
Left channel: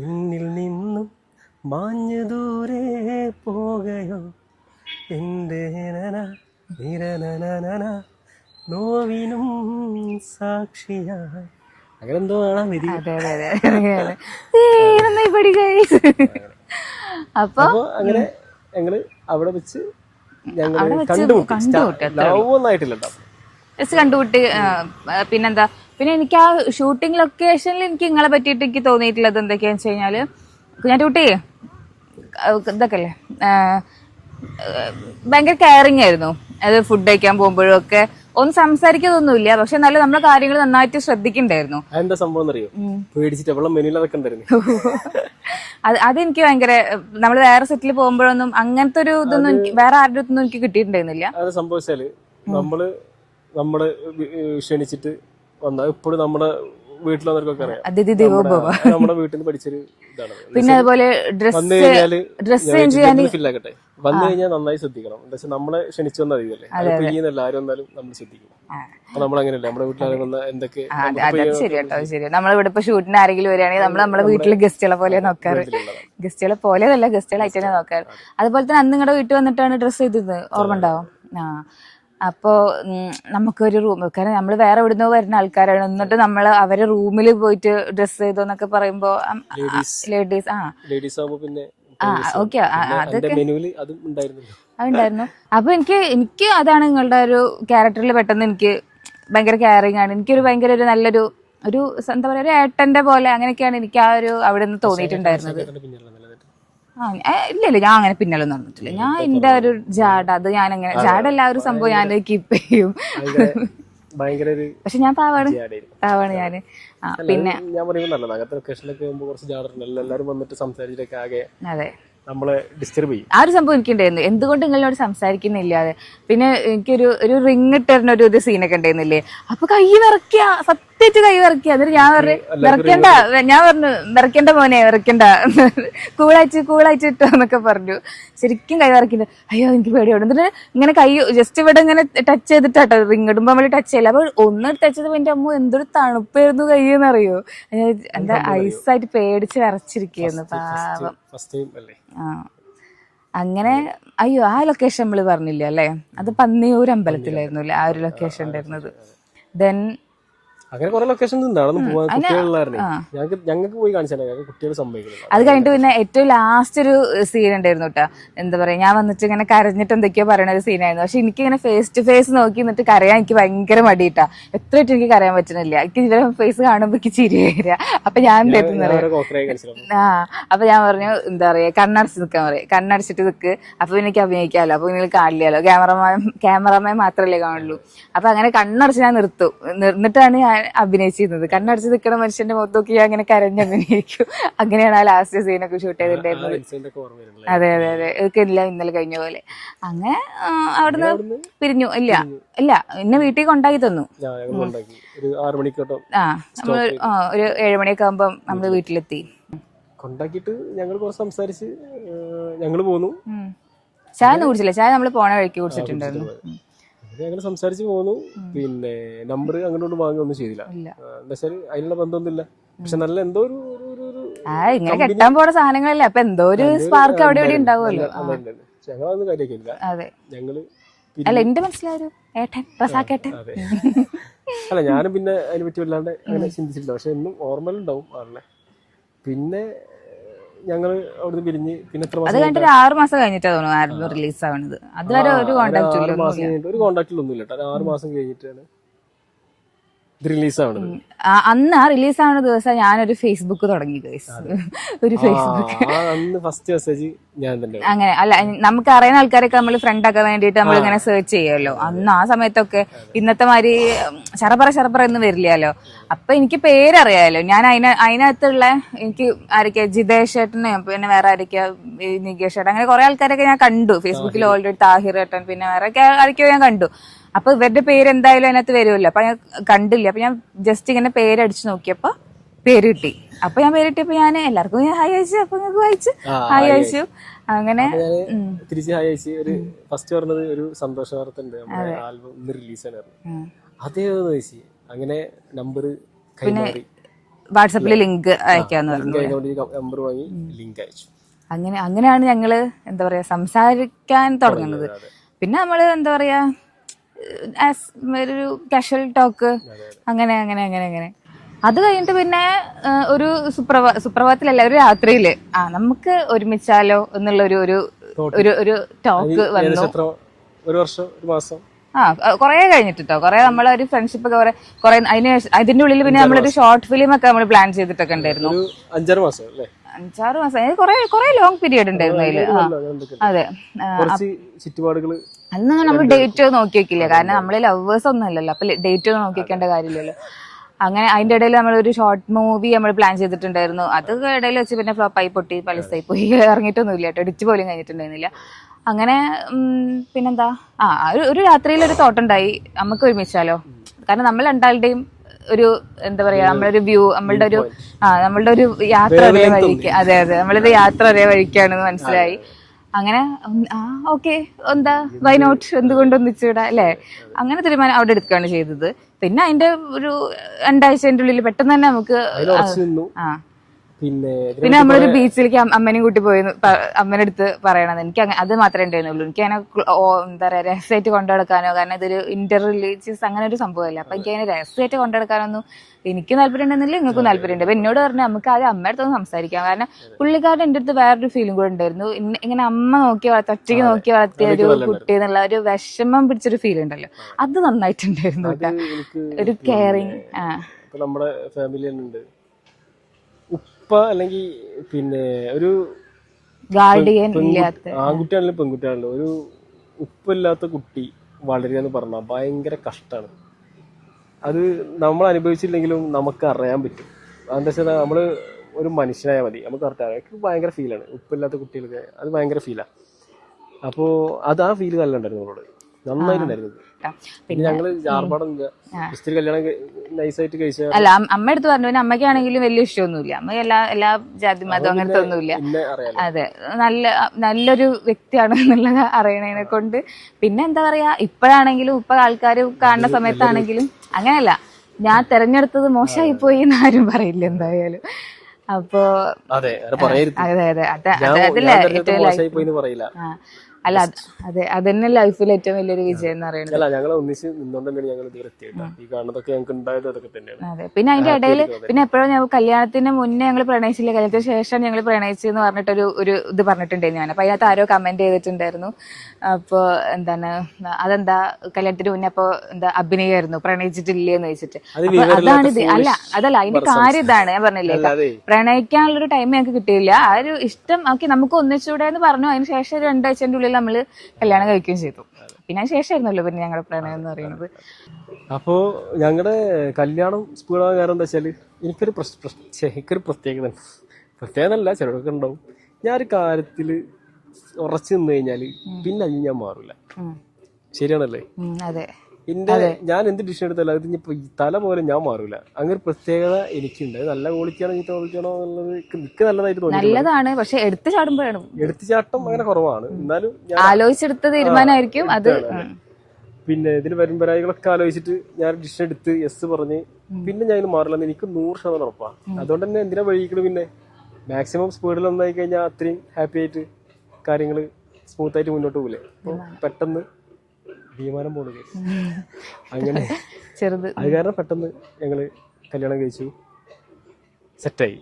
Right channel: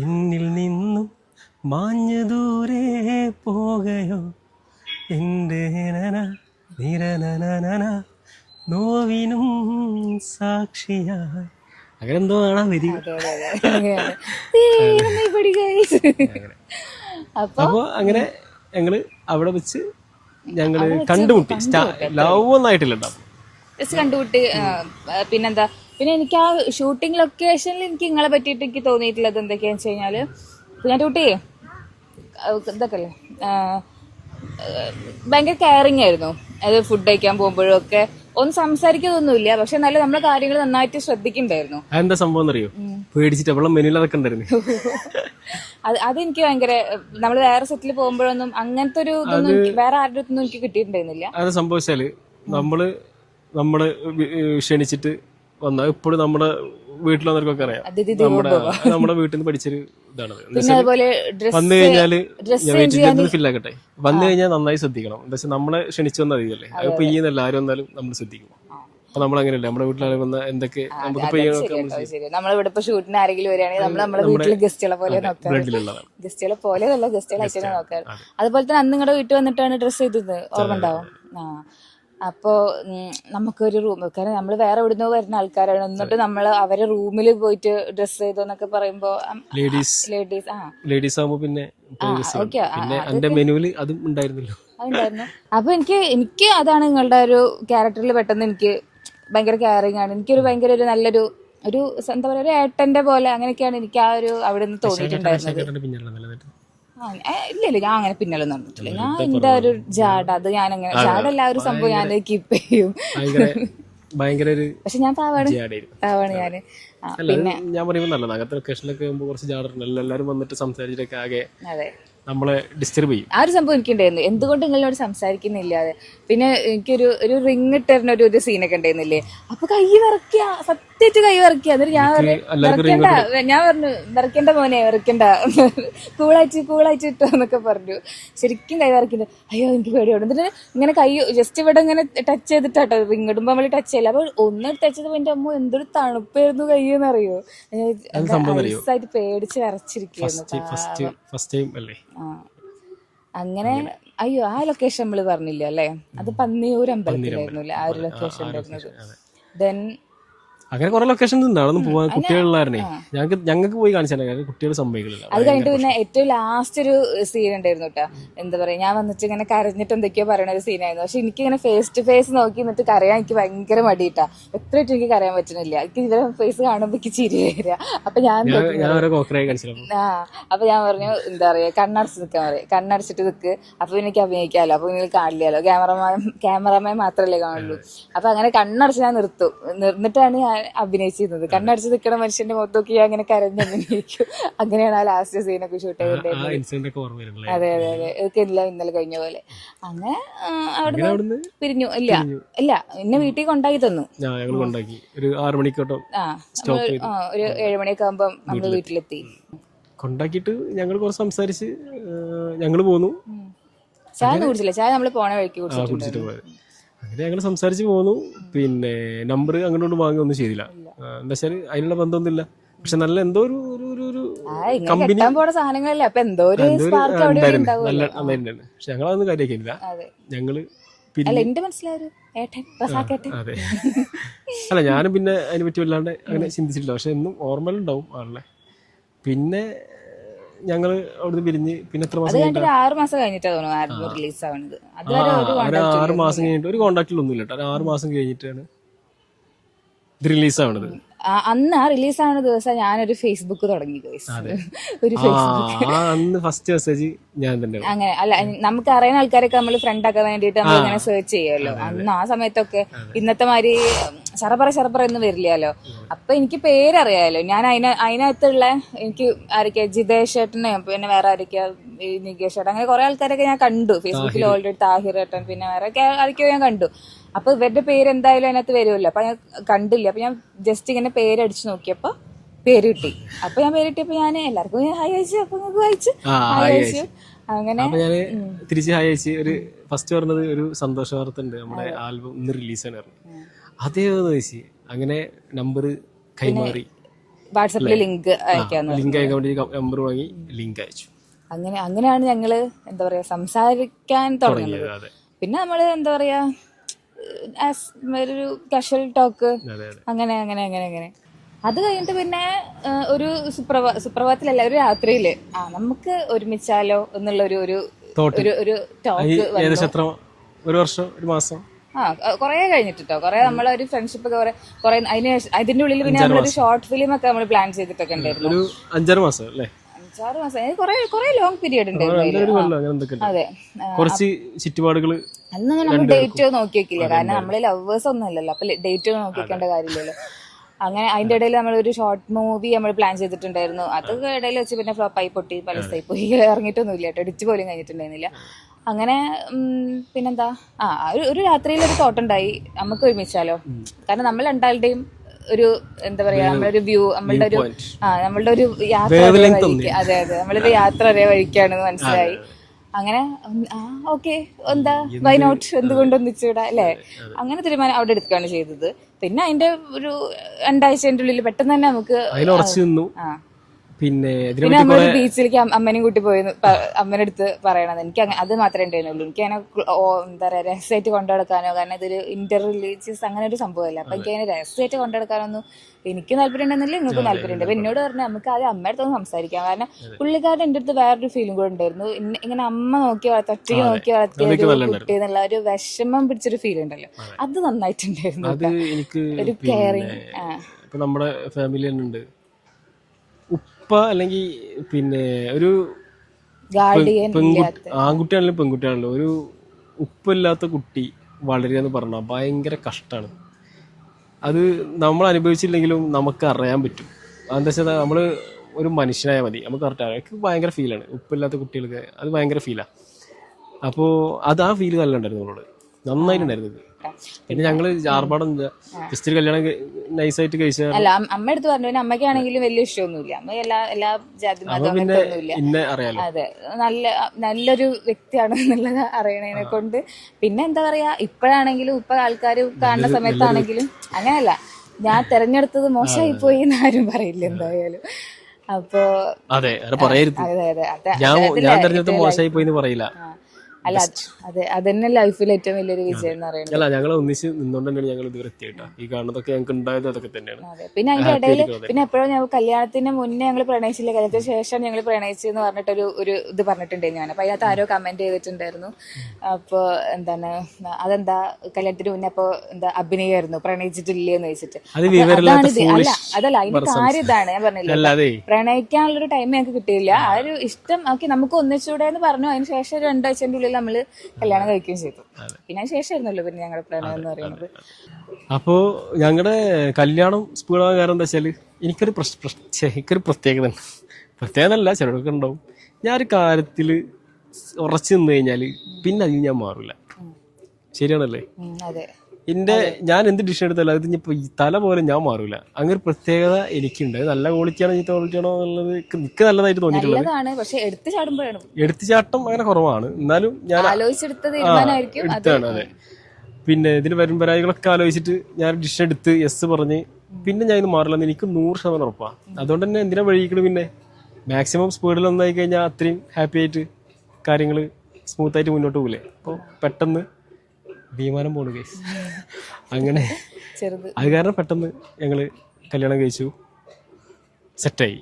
എന്നിൽ നിന്നും മാഞ്ഞു ദൂരെ പോകയോ, എന്റെ നോവിനും സാക്ഷിയായി, അങ്ങനെ എന്തോ കാണാൻ വരും. അപ്പൊ അങ്ങനെ ഞങ്ങള് അവിടെ വെച്ച് ഞങ്ങള് കണ്ടുമുട്ടി. ലവ് ഒന്നും ആയിട്ടില്ല, കണ്ടുപിട്ടി. പിന്നെന്താ, പിന്നെ എനിക്ക് ആ ഷൂട്ടിംഗ് ലൊക്കേഷനിൽ എനിക്ക് നിങ്ങളെ പറ്റിയിട്ട് എനിക്ക് തോന്നിയിട്ടുള്ളത് എന്തൊക്കെയാന്ന് വെച്ച് കഴിഞ്ഞാല്, കുഞ്ഞാറ്റൂട്ടി ഇതൊക്കെ അല്ലേ, ഭയങ്കര കെയറിങ് ആയിരുന്നു. അത് ഫുഡ് കഴിക്കാൻ പോകുമ്പോഴും ഒക്കെ ഒന്നും സംസാരിക്കുന്നൊന്നുമില്ല, പക്ഷെ നല്ല നമ്മളെ കാര്യങ്ങൾ നന്നായിട്ട് ശ്രദ്ധിക്കണ്ടായിരുന്നു. അതെന്താ സംഭവം അറിയോ, പേടിച്ചിട്ട് മെനുവിലൊക്കെ ഉണ്ടായിരുന്നു. അതെനിക്ക് ഭയങ്കര, നമ്മള് വേറെ സെറ്റിൽ പോകുമ്പോഴൊന്നും അങ്ങനത്തെ ഒരു ഇതൊന്നും വേറെ ആരുടെ അടുത്തൊന്നും എനിക്ക് കിട്ടിയിട്ടുണ്ടായിരുന്നില്ല. അത് സംഭവിച്ചാല് നമ്മള് ക്ഷണിച്ചിട്ട് വന്നാൽ ഇപ്പോഴും നമ്മുടെ വീട്ടിൽ വന്നവർക്കൊക്കെ അറിയാം, നമ്മുടെ വീട്ടിൽ നിന്ന് പഠിച്ചൊരു ഇതാണ്. പിന്നെ അതുപോലെ വന്നു കഴിഞ്ഞാല് ഫില്ലാക്കട്ടെ, വന്നു കഴിഞ്ഞാൽ നന്നായി ശ്രദ്ധിക്കണം. എന്താ വെച്ചാൽ നമ്മളെ ക്ഷണിച്ചു വന്ന അറിയില്ലേ, അതിപ്പോ ഈ എല്ലാവരും വന്നാലും നമ്മൾ ശ്രദ്ധിക്കണം. അപ്പൊ നമ്മളങ്ങനെയല്ലേ, നമ്മുടെ വീട്ടിലാരും വന്ന എന്തൊക്കെ നമ്മളിവിടെ ഇപ്പൊ ഷൂട്ടിന് ആരെങ്കിലും വരികയാണെങ്കിൽ നമ്മളെ വീട്ടിലെ ഗസ്റ്റുകളെ പോലെ നോക്കാറ്. ഗസ്റ്റുകളെ പോലെ അല്ല, ഗസ്റ്റുകളായിട്ട് തന്നെ നോക്കാറ്. അതുപോലെ തന്നെ അന്ന് നിങ്ങളുടെ വീട്ടിൽ വന്നിട്ടാണ് ഡ്രസ്സ് ചെയ്തത്, ഓർമ്മ ഉണ്ടാവും. അപ്പോ നമുക്കൊരു റൂം, കാരണം നമ്മൾ വേറെ എവിടുന്നോ വരുന്ന ആൾക്കാരാണ്, എന്നിട്ട് നമ്മൾ അവരെ റൂമിൽ പോയിട്ട് ഡ്രസ് ചെയ്തോന്നൊക്കെ പറയുമ്പോ ലേഡീസ് ആവുമ്പോ പിന്നെ ഓക്കെ അതുണ്ടായിരുന്നു. അപ്പൊ എനിക്ക് അതാണ് നിങ്ങളുടെ ഒരു ക്യാരക്ടറിൽ പെട്ടെന്ന് എനിക്ക് ഭയങ്കര കെയറിങ് ആണ്. എനിക്കൊരു ഭയങ്കര ഒരു നല്ലൊരു എന്താ പറയാ, ഒരു ഏട്ടന്റെ പോലെ അങ്ങനെയൊക്കെയാണ് എനിക്ക് ആ ഒരു അവിടെ നിന്ന് തോന്നിയിട്ടുണ്ടായിരുന്നത്. ഇല്ല ഞാൻ അങ്ങനെ പിന്നാലൊന്നും നടന്നിട്ടില്ല. ഞാൻ എന്റെ ഒരു ജാട അത് ഞാൻ അങ്ങനെ ജാടല്ല ആ ഒരു സംഭവം ഞാൻ കീപ്പ് ചെയ്യും. ഭയങ്കര പക്ഷെ ഞാൻ പാവാണ് ഞാന്. പിന്നെ ഞാൻ പറയുമ്പോൾ നല്ലത് അങ്ങനത്തെ ലൊക്കേഷനിലൊക്കെ ആകുമ്പോൾ കുറച്ച് ജാടറുണ്ടല്ലോ, എല്ലാവരും വന്നിട്ട് സംസാരിച്ചിട്ടൊക്കെ ആകെ അതെ നമ്മളെ ഡിസ്റ്റർബ് ചെയ്യും. ആ ഒരു സംഭവം എനിക്കുണ്ടായിരുന്നു, എന്തുകൊണ്ട് നിങ്ങളോട് സംസാരിക്കുന്നില്ലാതെ. പിന്നെ എനിക്കൊരു റിങ് ഇട്ടിരുന്ന ഒരു സീനൊക്കെ ഉണ്ടായിരുന്നില്ലേ, അപ്പൊ കൈ വിറക്കുക, സത്യമായിട്ട് കൈ വിറക്കുക. എന്നിട്ട് ഞാൻ പറഞ്ഞു വിറക്കണ്ട മോനെ വിറക്കണ്ട, കൂളായിട്ട് ഇട്ടോ എന്നൊക്കെ പറഞ്ഞു. ശരിക്കും കൈ വിറക്കുന്നത്, അയ്യോ എനിക്ക് പേടിയോട്. എന്നിട്ട് ഇങ്ങനെ കൈ ജസ്റ്റ് ഇവിടെ ഇങ്ങനെ ടച്ച് ചെയ്തിട്ടാട്ടോ, റിങ് ഇടുമ്പോ നമ്മൾ ടച്ച് ചെയ്യില്ല. അപ്പൊ ഒന്ന് ടച്ച് ചെയ്തപ്പോ എന്റെ അമ്മ എന്തൊരു തണുപ്പായിരുന്നു കൈയെന്നറിയോ, എന്താ ഐസായിട്ട് പേടിച്ച് വിറച്ചിരിക്കുന്നു പാവം. അങ്ങനെ അയ്യോ ആ ലൊക്കേഷൻ നമ്മള് പറഞ്ഞില്ല അല്ലേ, അത് പന്നിയൂർ അമ്പലത്തിലായിരുന്നു അല്ലേ ആ ഒരു ലൊക്കേഷൻ ഉണ്ടായിരുന്നത്. ദെൻ അങ്ങനെ കുറെ ലൊക്കേഷൻസ് ഉണ്ടാവും പോവാൻ കുട്ടികളിലായിരുന്നേ, ഞങ്ങൾക്ക് പോയി കാണിച്ചാൽ കുട്ടികൾ സമ്മതിക്കില്ല. അത് കഴിഞ്ഞിട്ട് പിന്നെ ഏറ്റവും ലാസ്റ്റ് ഒരു സീൻ ഉണ്ടായിരുന്നു കേട്ടോ, എന്താ പറയാ, ഞാൻ വന്നിട്ട് ഇങ്ങനെ കരഞ്ഞിട്ട് എന്തൊക്കെയോ പറയുന്ന ഒരു സീനായിരുന്നു. പക്ഷെ എനിക്ക് ഇങ്ങനെ ഫേസ് ടു ഫേസ് നോക്കി നിന്നിട്ട് കരയാൻ എനിക്ക് ഭയങ്കര മടിയിട്ടാ, എത്രയായിട്ട് എനിക്ക് കരയാൻ പറ്റുന്നില്ല. എനിക്ക് ഇവരെ ഫേസ് കാണുമ്പോ എനിക്ക് ചിരി വരിക. അപ്പൊ ഞാൻ അപ്പൊ ഞാൻ പറഞ്ഞു എന്താ പറയാ, കണ്ണടച്ച് നിൽക്കാൻ പറയാം, കണ്ണടച്ചിട്ട് നിൽക്ക്, അപ്പൊ എനിക്ക് അഭിനയിക്കാമല്ലോ, അപ്പൊ നിങ്ങൾ കാണില്ലല്ലോ, ക്യാമറമാൻ മാത്രല്ലേ കാണുള്ളൂ. അപ്പൊ അങ്ങനെ കണ്ണടച്ച് ഞാൻ നിർന്നിട്ടാണ് ഞാൻ അഭിനയിച്ചിരുന്നത്. കണ്ണടച്ച് നിൽക്കണ മനുഷ്യന്റെ മുഖത്ത് നോക്കി ഞാൻ അങ്ങനെ കരഞ്ഞഭിനയിക്കും. അങ്ങനെയാണ് ആ ലാസ്റ്റ് സീനൊക്കെ ഷൂട്ട് ചെയ്തിട്ടുണ്ടായിരുന്നത്. അതെ ഇല്ല ഇന്നലെ കഴിഞ്ഞ പോലെ. അങ്ങനെ അവിടുന്ന് പിരിഞ്ഞു. ഇല്ല എന്നെ വീട്ടിൽ കൊണ്ടാക്കി തന്നു. ഒരു 6 മണിക്കോട്ടോ ഒരു 7 മണിയൊക്കെ ആകുമ്പോ നമ്മള് വീട്ടിലെത്തി. കൊണ്ടാക്കിട്ട് ഞങ്ങൾ കുറച്ച് സംസാരിച്ച് ഞങ്ങൾ പോന്നു. ചായ ഒന്നും കുടിച്ചില്ല, ചായ നമ്മള് പോണ വഴിക്ക് കുടിച്ചിട്ടുണ്ടായിരുന്നു. അങ്ങനെ ഞങ്ങൾ സംസാരിച്ച് പോന്നു. പിന്നെ നമ്പർ അങ്ങോട്ട് വാങ്ങുകയൊന്നും ചെയ്തില്ല, എന്താ വെച്ചാൽ അതിനുള്ള ബന്ധമൊന്നുമില്ല. പക്ഷെ നല്ല എന്തോ ഒരു കെട്ടാൻ പോണ സാധനങ്ങളല്ലേ, അപ്പൊ എന്തോ ഒരു സ്പാർക്ക് അവിടെ ഉണ്ടാവുമല്ലോ. പക്ഷെ ഞങ്ങളതൊന്നും കാര്യമാക്കിയില്ല. ഞങ്ങള് എന്റെ മനസ്സിലായൊരു അതെ അല്ല ഞാനും പിന്നെ അതിനെ പറ്റി വല്ലാണ്ട് അങ്ങനെ ചിന്തിച്ചിട്ടില്ല. പക്ഷെ എന്നും ഓർമ്മയിലുണ്ടാവും ആളെ. പിന്നെ ഞങ്ങള് അവിടുന്ന് പിരിഞ്ഞ് പിന്നെ എത്ര മാസം 6 മാസം കഴിഞ്ഞിട്ടാണ് തോന്നുന്നു റിലീസ് ആവുന്നത്. അതുവരെ ഒരു 6 മാസം കഴിഞ്ഞിട്ട് ഒരു കോണ്ടാക്റ്റിലൊന്നും ഇല്ല. 6 മാസം കഴിഞ്ഞിട്ടാണ് ഇത് റിലീസ് ആവണത്. അന്ന് ആ റിലീസ് ആവുന്ന ദിവസം ഞാനൊരു ഫേസ്ബുക്ക് തുടങ്ങി. ഒരു ഫേസ്ബുക്ക് അന്ന് ഫസ്റ്റ് മെസ്സേജ് ഞാൻ തന്നെ. അങ്ങനെ അല്ല, നമുക്ക് അറിയുന്ന ആൾക്കാരൊക്കെ നമ്മൾ ഫ്രണ്ട് ആക്കാൻ വേണ്ടിട്ട് നമ്മൾ ഇങ്ങനെ സെർച്ച് ചെയ്യുമല്ലോ. അന്ന് ആ സമയത്തൊക്കെ ഇന്നത്തെ മാതിരി ചെറപ്പറ ഒന്നും വരില്ലല്ലോ. അപ്പൊ എനിക്ക് പേരറിയാലോ. ഞാൻ അതിനകത്തുള്ള എനിക്ക് ആരൊക്കെയാ, ജിതേഷ് ചേട്ടനെ, പിന്നെ വേറെ ആരൊക്കെയാ, നികേഷ് ചേട്ടൻ, അങ്ങനെ കുറെ ആൾക്കാരൊക്കെ ഞാൻ കണ്ടു ഫേസ്ബുക്കിൽ ഓൾറെഡി. താഹിർ ചേട്ടൻ, പിന്നെ വേറെ ആരൊക്കെയോ ഞാൻ കണ്ടു. അപ്പൊ ഇവരുടെ പേര് എന്തായാലും അതിനകത്ത് വരുമല്ലോ. അപ്പൊ ഞാൻ കണ്ടില്ല. അപ്പൊ ഞാൻ ജസ്റ്റ് ഇങ്ങനെ പേരടിച്ചു നോക്കിയപ്പോ പേര് കിട്ടി. അപ്പൊ ഞാൻ പേരിട്ടപ്പോ ഞാൻ എല്ലാവർക്കും ഹായ് അയച്ചു. അപ്പൊ നിങ്ങൾക്ക് വായിച്ചു ഹായ് അയച്ചു. അങ്ങനെ തിരിച്ച് ഹായ് അയച്ചു. ഒരു ഫസ്റ്റ് പറഞ്ഞത് ഒരു സന്തോഷ വാർത്ത ഉണ്ട്, നമ്മുടെ ആൽബം ഇന്ന് റിലീസാണ് പറഞ്ഞു. അതേന്ന് ചോദിച്ചു. അങ്ങനെ നമ്പർ കൈമാറി വാട്സാപ്പിൽ ലിങ്ക് അയക്കാന്ന് ലിങ്ക് അയക്കാൻ വേണ്ടി നമ്പർ വാങ്ങി ലിങ്ക് അയച്ചു. അങ്ങനെയാണ് ഞങ്ങള് എന്താ പറയാ സംസാരിക്കാൻ തുടങ്ങുന്നത്. പിന്നെ നമ്മള് എന്താ പറയാ ഒരു കാഷ്വൽ ടോക്ക്, അങ്ങനെ. അത് കഴിഞ്ഞിട്ട് പിന്നെ ഒരു സുപ്രഭാതത്തിലല്ല, ഒരു രാത്രിയില് നമുക്ക് ഒരുമിച്ചാലോ എന്നുള്ള ഒരു ടോക്ക് വന്നു. ഒരു വർഷം, ഒരു മാസം, കൊറേ കഴിഞ്ഞിട്ടോ, കൊറേ നമ്മളൊരു ഫ്രണ്ട്ഷിപ്പ് ഒക്കെ കൊറേ അതിന്റെ ഉള്ളിൽ പിന്നെ നമ്മളൊരു ഷോർട്ട് ഫിലിം ഒക്കെ നമ്മൾ പ്ലാൻ ചെയ്തിട്ടൊക്കെ ഉണ്ടായിരുന്നു. 5-6 മാസം അല്ലേ? 5-6 മാസം, കൊറേ ലോങ് പീരീഡ് ഉണ്ടായിരുന്നു. അതെ, കുറച്ച് ചുറ്റുപാടുകള്. അന്ന് നമ്മൾ ഡേറ്റ് നോക്കി വെക്കില്ല, കാരണം നമ്മള് ലവേഴ്സ് ഒന്നും അല്ലല്ലോ. അപ്പൊ ഡേറ്റ് നോക്കി വെക്കേണ്ട കാര്യമില്ലല്ലോ. അങ്ങനെ അതിന്റെ ഇടയിൽ നമ്മളൊരു ഷോർട്ട് മൂവി നമ്മൾ പ്ലാൻ ചെയ്തിട്ടുണ്ടായിരുന്നു. അതൊക്കെ ഇടയിൽ വെച്ച് പിന്നെ ഫ്ലോപ്പായി, പൊട്ടി, പലസായി പോയി, ഇറങ്ങിയിട്ടൊന്നും ഇല്ല കേട്ടോ. എഡിറ്റ് പോലും കഴിഞ്ഞിട്ടുണ്ടായിരുന്നില്ല. അങ്ങനെ പിന്നെന്താ, ഒരു രാത്രിയിൽ ഒരു തോട്ടുണ്ടായി നമുക്ക് ഒരുമിച്ചാലോ. കാരണം നമ്മൾ രണ്ടാളുടെയും ഒരു എന്താ പറയാ, നമ്മളൊരു വ്യൂ, നമ്മളുടെ ഒരു യാത്ര ഒരേ വഴിക്ക്. അതെ നമ്മളൊരു യാത്ര ഒരേ വഴിക്കാണെന്ന് മനസ്സിലായി. അങ്ങനെ ഓക്കെ, എന്താ വൈ നോട്ട്, എന്തുകൊണ്ട് ഒന്നിച്ചിടാ അല്ലേ, അങ്ങനെ തീരുമാനം അവിടെ എടുക്കുകയാണ് ചെയ്തത്. പിന്നെ അതിന്റെ ഒരു 2 ആഴ്ചന്റെ ഉള്ളിൽ പെട്ടെന്ന് തന്നെ നമുക്ക് പിന്നെ നമ്മളൊരു ബീച്ചിലേക്ക് അമ്മേനെയും കൂട്ടി പോയി അമ്മേനെ അടുത്ത് പറയണത്. എനിക്ക് അത് മാത്രമേ ഉണ്ടായിരുന്നുള്ളൂ. എനിക്ക് അങ്ങനെ എന്താ പറയാ രഹസ്യമായിട്ട് കൊണ്ടുനടക്കാനോ, കാരണം ഇതൊരു ഇന്റർ റിലീജിയസ് അങ്ങനെ ഒരു സംഭവമല്ല. അപ്പൊ എനിക്ക് അതിനെ രഹസ്യമായിട്ട് കൊണ്ടുനടക്കാനൊന്നും എനിക്ക് താല്പര്യം ഉണ്ടെന്നില്ല, നിങ്ങൾക്കും താല്പര്യം ഉണ്ട്. അപ്പൊ എന്നോട് പറഞ്ഞാൽ നമുക്ക് ആദ്യം അമ്മയുടെ അടുത്തൊന്ന് സംസാരിക്കാം. കാരണം പുള്ളിക്കാരുടെ എന്റെ അടുത്ത് വേറൊരു ഫീലിംഗ് കൂടെ ഉണ്ടായിരുന്നു. ഇങ്ങനെ അമ്മ നോക്കി വളർത്തി, ഒറ്റയ്ക്ക് നോക്കി വളർത്തിയ ഒരു കുട്ടി എന്നുള്ള ഒരു വിഷമം പിടിച്ചൊരു ഫീൽ ഉണ്ടല്ലോ, അത് നന്നായിട്ടുണ്ടായിരുന്നു. ഒരു കെയറിങ്. നമ്മുടെ ഫാമിലി തന്നെ ഉണ്ട്, ഉപ്പ അല്ലെങ്കിൽ പിന്നെ ഒരു ഗാർഡിയൻ ഇല്ലാത്ത ആൺകുട്ടിയാണെങ്കിലും പെൺകുട്ടിയാണെങ്കിലും ഒരു ഉപ്പില്ലാത്ത കുട്ടി വളരുക എന്ന് പറഞ്ഞാൽ ഭയങ്കര കഷ്ടമാണ്. അത് നമ്മൾ അനുഭവിച്ചില്ലെങ്കിലും നമുക്ക് അറിയാൻ പറ്റും. അതെന്താ വെച്ചാൽ നമ്മൾ ഒരു മനുഷ്യനായാൽ മതി, നമുക്ക് കറക്റ്റ് അറിയാം. എനിക്ക് ഭയങ്കര ഫീലാണ് ഉപ്പില്ലാത്ത കുട്ടികൾക്ക്, അത് ഭയങ്കര ഫീലാണ്. അപ്പോൾ അത് ആ ഫീല് നല്ല ഉണ്ടായിരുന്നു നമ്മളോട്, നന്നായിട്ടുണ്ടായിരുന്നത്. പിന്നെ ഞങ്ങള് ആർഭാടം ജസ്റ്റ് കല്യാണം നൈസായിട്ട് കഴിച്ചാൽ അല്ല അമ്മ എടുത്ത് പറഞ്ഞു. പിന്നെ അമ്മയ്ക്കാണെങ്കിലും വലിയ ഇഷ്ടമൊന്നുമില്ല. അമ്മ എല്ലാ ജാതി മതം അങ്ങനത്തെ ഒന്നുമില്ല. അതെ, നല്ലൊരു വ്യക്തിയാണ് എന്നുള്ളത് അറിയണതിനെ കൊണ്ട്. പിന്നെ എന്താ പറയാ, ഇപ്പോഴാണെങ്കിലും ഇപ്പൊ ആൾക്കാർ കാണുന്ന സമയത്താണെങ്കിലും അങ്ങനെയല്ല, ഞാൻ തെരഞ്ഞെടുത്തത് മോശമായി പോയി എന്ന് ആരും പറയില്ല എന്തായാലും. അപ്പോ അതെ അല്ല അതെ, അതന്നെ ലൈഫിൽ ഏറ്റവും വലിയൊരു വിജയം എന്ന് പറയുന്നത്. അല്ല ഞങ്ങൾ ഒന്നിച്ച് നിന്നോണ്ട് തന്നെയാണ് ഞങ്ങൾ ഇത് വൃത്തിയായിട്ടാ ഈ കാണുന്നതൊക്കെ ഞങ്ങൾക്ക് ഉണ്ടായത് അതൊക്കെ തന്നെയാണ്. അതെ, പിന്നെ അതിന്റെ ഇടയിൽ പിന്നെ എപ്പോഴും ഞങ്ങൾ കല്യാണത്തിന് മുന്നേ ഞങ്ങൾ പ്രണയിച്ചില്ല, കല്യാണത്തിന് ശേഷം ഞങ്ങൾ പ്രണയിച്ചു എന്ന് പറഞ്ഞിട്ടൊരു ഇത് പറഞ്ഞിട്ടുണ്ടായിരുന്നു ഞാൻ. അപ്പൊ അതിനകത്ത് ആരോ കമന്റ് ചെയ്തിട്ടുണ്ടായിരുന്നു. അപ്പൊ എന്താണ്, അതെന്താ കല്യാണത്തിന് മുന്നേ അപ്പൊ എന്താ അഭിനയായിരുന്നു, പ്രണയിച്ചിട്ടില്ലേന്ന് വെച്ചിട്ട്. അതാണിത്. അതല്ല അതിന്റെ കാര്യം ഇതാണ്, ഞാൻ പറഞ്ഞില്ലേ, പ്രണയിക്കാനുള്ളൊരു ടൈം ഞങ്ങൾക്ക് കിട്ടിയില്ല. ആ ഒരു ഇഷ്ടം ഓക്കെ നമുക്ക് ഒന്നിച്ചൂടെ എന്ന് പറഞ്ഞു. അതിന് ശേഷം 2 ആഴ്ചന്റെ ഉള്ളിൽ നമ്മള് കല്യാണം കഴിക്കുകയും ചെയ്തു. പിന്നെ അതിന് ശേഷമായിരുന്നല്ലോ പിന്നെ ഞങ്ങളുടെ പ്രണയം എന്ന് പറയുന്നത്. അപ്പോ ഞങ്ങളുടെ കല്യാണം സ്പീഡാകാൻ കാരണം എന്താ വെച്ചാല് എനിക്കൊരു പ്രത്യേകതല്ല, ചിലരൊക്കെ ഉണ്ടാവും. ഞാനൊരു കാര്യത്തില് ഉറച്ചു നിന്ന് കഴിഞ്ഞാല് പിന്നെ അതിൽ ഞാൻ മാറില്ല. ശരിയാണല്ലേ? ഞാൻ എന്ത് ഡിഷ് എടുത്താലും അത് ഇനിയിപ്പോ ഈ തല പോലെ ഞാൻ മാറൂല. അങ്ങനെ ഒരു പ്രത്യേകത എനിക്കുണ്ട്. നല്ല ക്വാളിറ്റിയാണോ ചീത്ത ക്വാളിറ്റിയാണോ എന്നുള്ളത് എനിക്ക് നല്ലതായിട്ട് തോന്നിയിട്ടുണ്ട്. പക്ഷെ എടുത്തുചാട്ടം അങ്ങനെ കുറവാണ്, എന്നാലും ഞാൻ ആലോചിച്ചെടുത്ത തീരുമാനമായിരിക്കും അത്. പിന്നെ ഇതിന് വരുമ്പരായികളൊക്കെ ആലോചിച്ചിട്ട് ഞാൻ ഡിഷ് എടുത്ത് യെസ് പറഞ്ഞ് പിന്നെ ഞാൻ ഇത് മാറില്ലെന്ന് എനിക്ക് 100% ഉറപ്പാണ്. അതുകൊണ്ട് തന്നെ എന്തിനാ വഴിക്കണം, പിന്നെ മാക്സിമം സ്പീഡിൽ ഒന്നായി കഴിഞ്ഞാൽ അത്രയും ഹാപ്പി ആയിട്ട് കാര്യങ്ങൾ സ്മൂത്തായിട്ട് മുന്നോട്ട് പോകില്ലേ. അപ്പോൾ പെട്ടെന്ന് വിമാനം പോണു കേസ് അങ്ങനെ അത് കാരണം പെട്ടെന്ന് ഞങ്ങള് കല്യാണം കഴിച്ചു, സെറ്റായി.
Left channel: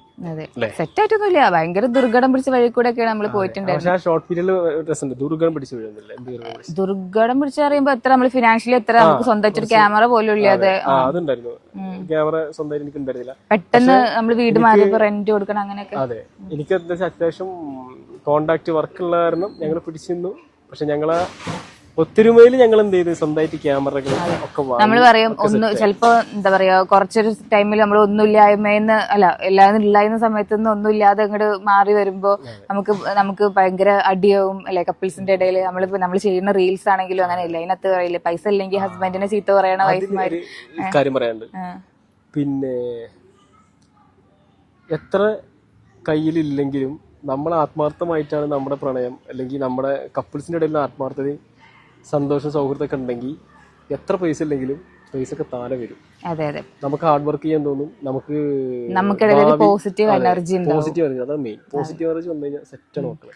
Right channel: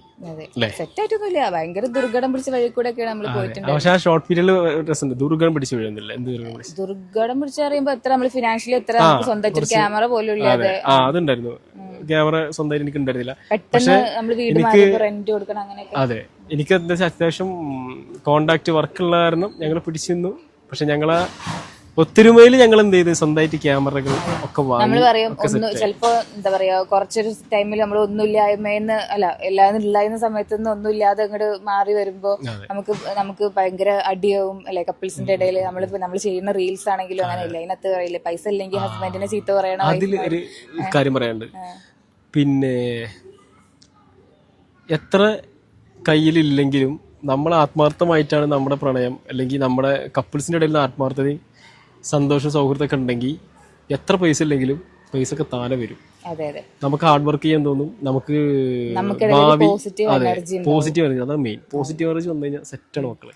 സെറ്റായിട്ടൊന്നുമില്ല, ഭയങ്കര ദുർഘടം പിടിച്ച വഴി കൂടെ ഒക്കെയാണ് നമ്മള് പോയിട്ടുണ്ട്. പക്ഷെ ആ ഷോർട്ട് പീരിയഡിൽ രസമുണ്ട്. ദുർഘടം പിടിച്ച് വീഴുന്നില്ല. ദുർഘടം പിടിച്ച് പറയുമ്പോ എത്ര നമ്മള് ഫിനാൻഷ്യലി എത്ര നമുക്ക് സ്വന്തമായിട്ട് ക്യാമറ പോലും ഇല്ലാതെ അതുണ്ടായിരുന്നു. ക്യാമറ സ്വന്തമായിട്ട് എനിക്ക് ഉണ്ടായിരുന്നില്ല. പെട്ടെന്ന് നമ്മള് വീട് മാറി റെന്റ് കൊടുക്കണം അങ്ങനെയൊക്കെ. അതെ, എനിക്ക് എന്താ വെച്ചാൽ അത്യാവശ്യം കോണ്ടാക്ട് വർക്കുള്ള കാരണം ഞങ്ങൾ പിടിച്ചിരുന്നു. പക്ഷെ ഞങ്ങളെ ഒത്തൊരുമയിൽ ഞങ്ങൾ എന്ത് ചെയ്ത് സ്വന്തമായിട്ട് ക്യാമറകൾ ഒക്കെ നമ്മള് പറയും ചിലപ്പോ എന്താ പറയാ കുറച്ചൊരു ടൈമിൽ നമ്മൾ ഒന്നുമില്ലായ്മയെന്ന് അല്ല എല്ലാവരും ഇല്ലായ്മ സമയത്തൊന്നും ഒന്നുമില്ലാതെ അങ്ങോട്ട് മാറി വരുമ്പോ നമുക്ക് ഭയങ്കര അടിയാവും അല്ലെ കപ്പിൾസിന്റെ ഇടയിൽ. നമ്മൾ ചെയ്യുന്ന റീൽസ് ആണെങ്കിലും അങ്ങനെ ഇല്ല, അതിനകത്ത് പറയില്ലേ പൈസ ഇല്ലെങ്കിൽ ഹസ്ബൻഡിനെ ചീത്ത പറയണ കാര്യം പറയാണ്ട്. പിന്നെ എത്ര കയ്യിലില്ലെങ്കിലും നമ്മൾ ആത്മാർത്ഥമായിട്ടാണ് നമ്മുടെ പ്രണയം അല്ലെങ്കിൽ നമ്മുടെ കപ്പിൾസിന്റെ ഇടയിൽ ആത്മാർത്ഥതയും സന്തോഷം സൗഹൃദമൊക്കെ ഉണ്ടെങ്കിൽ എത്ര പൈസ ഇല്ലെങ്കിലും പൈസ ഒക്കെ താഴെ വരും. നമുക്ക് ഹാർഡ് വർക്ക് ചെയ്യാൻ തോന്നും, നമുക്ക് പോസിറ്റീവ് എനർജി, അതാണ് മെയിൻ. പോസിറ്റീവ് എനർജി വന്നു കഴിഞ്ഞാൽ സെറ്റാണ് മക്കളെ.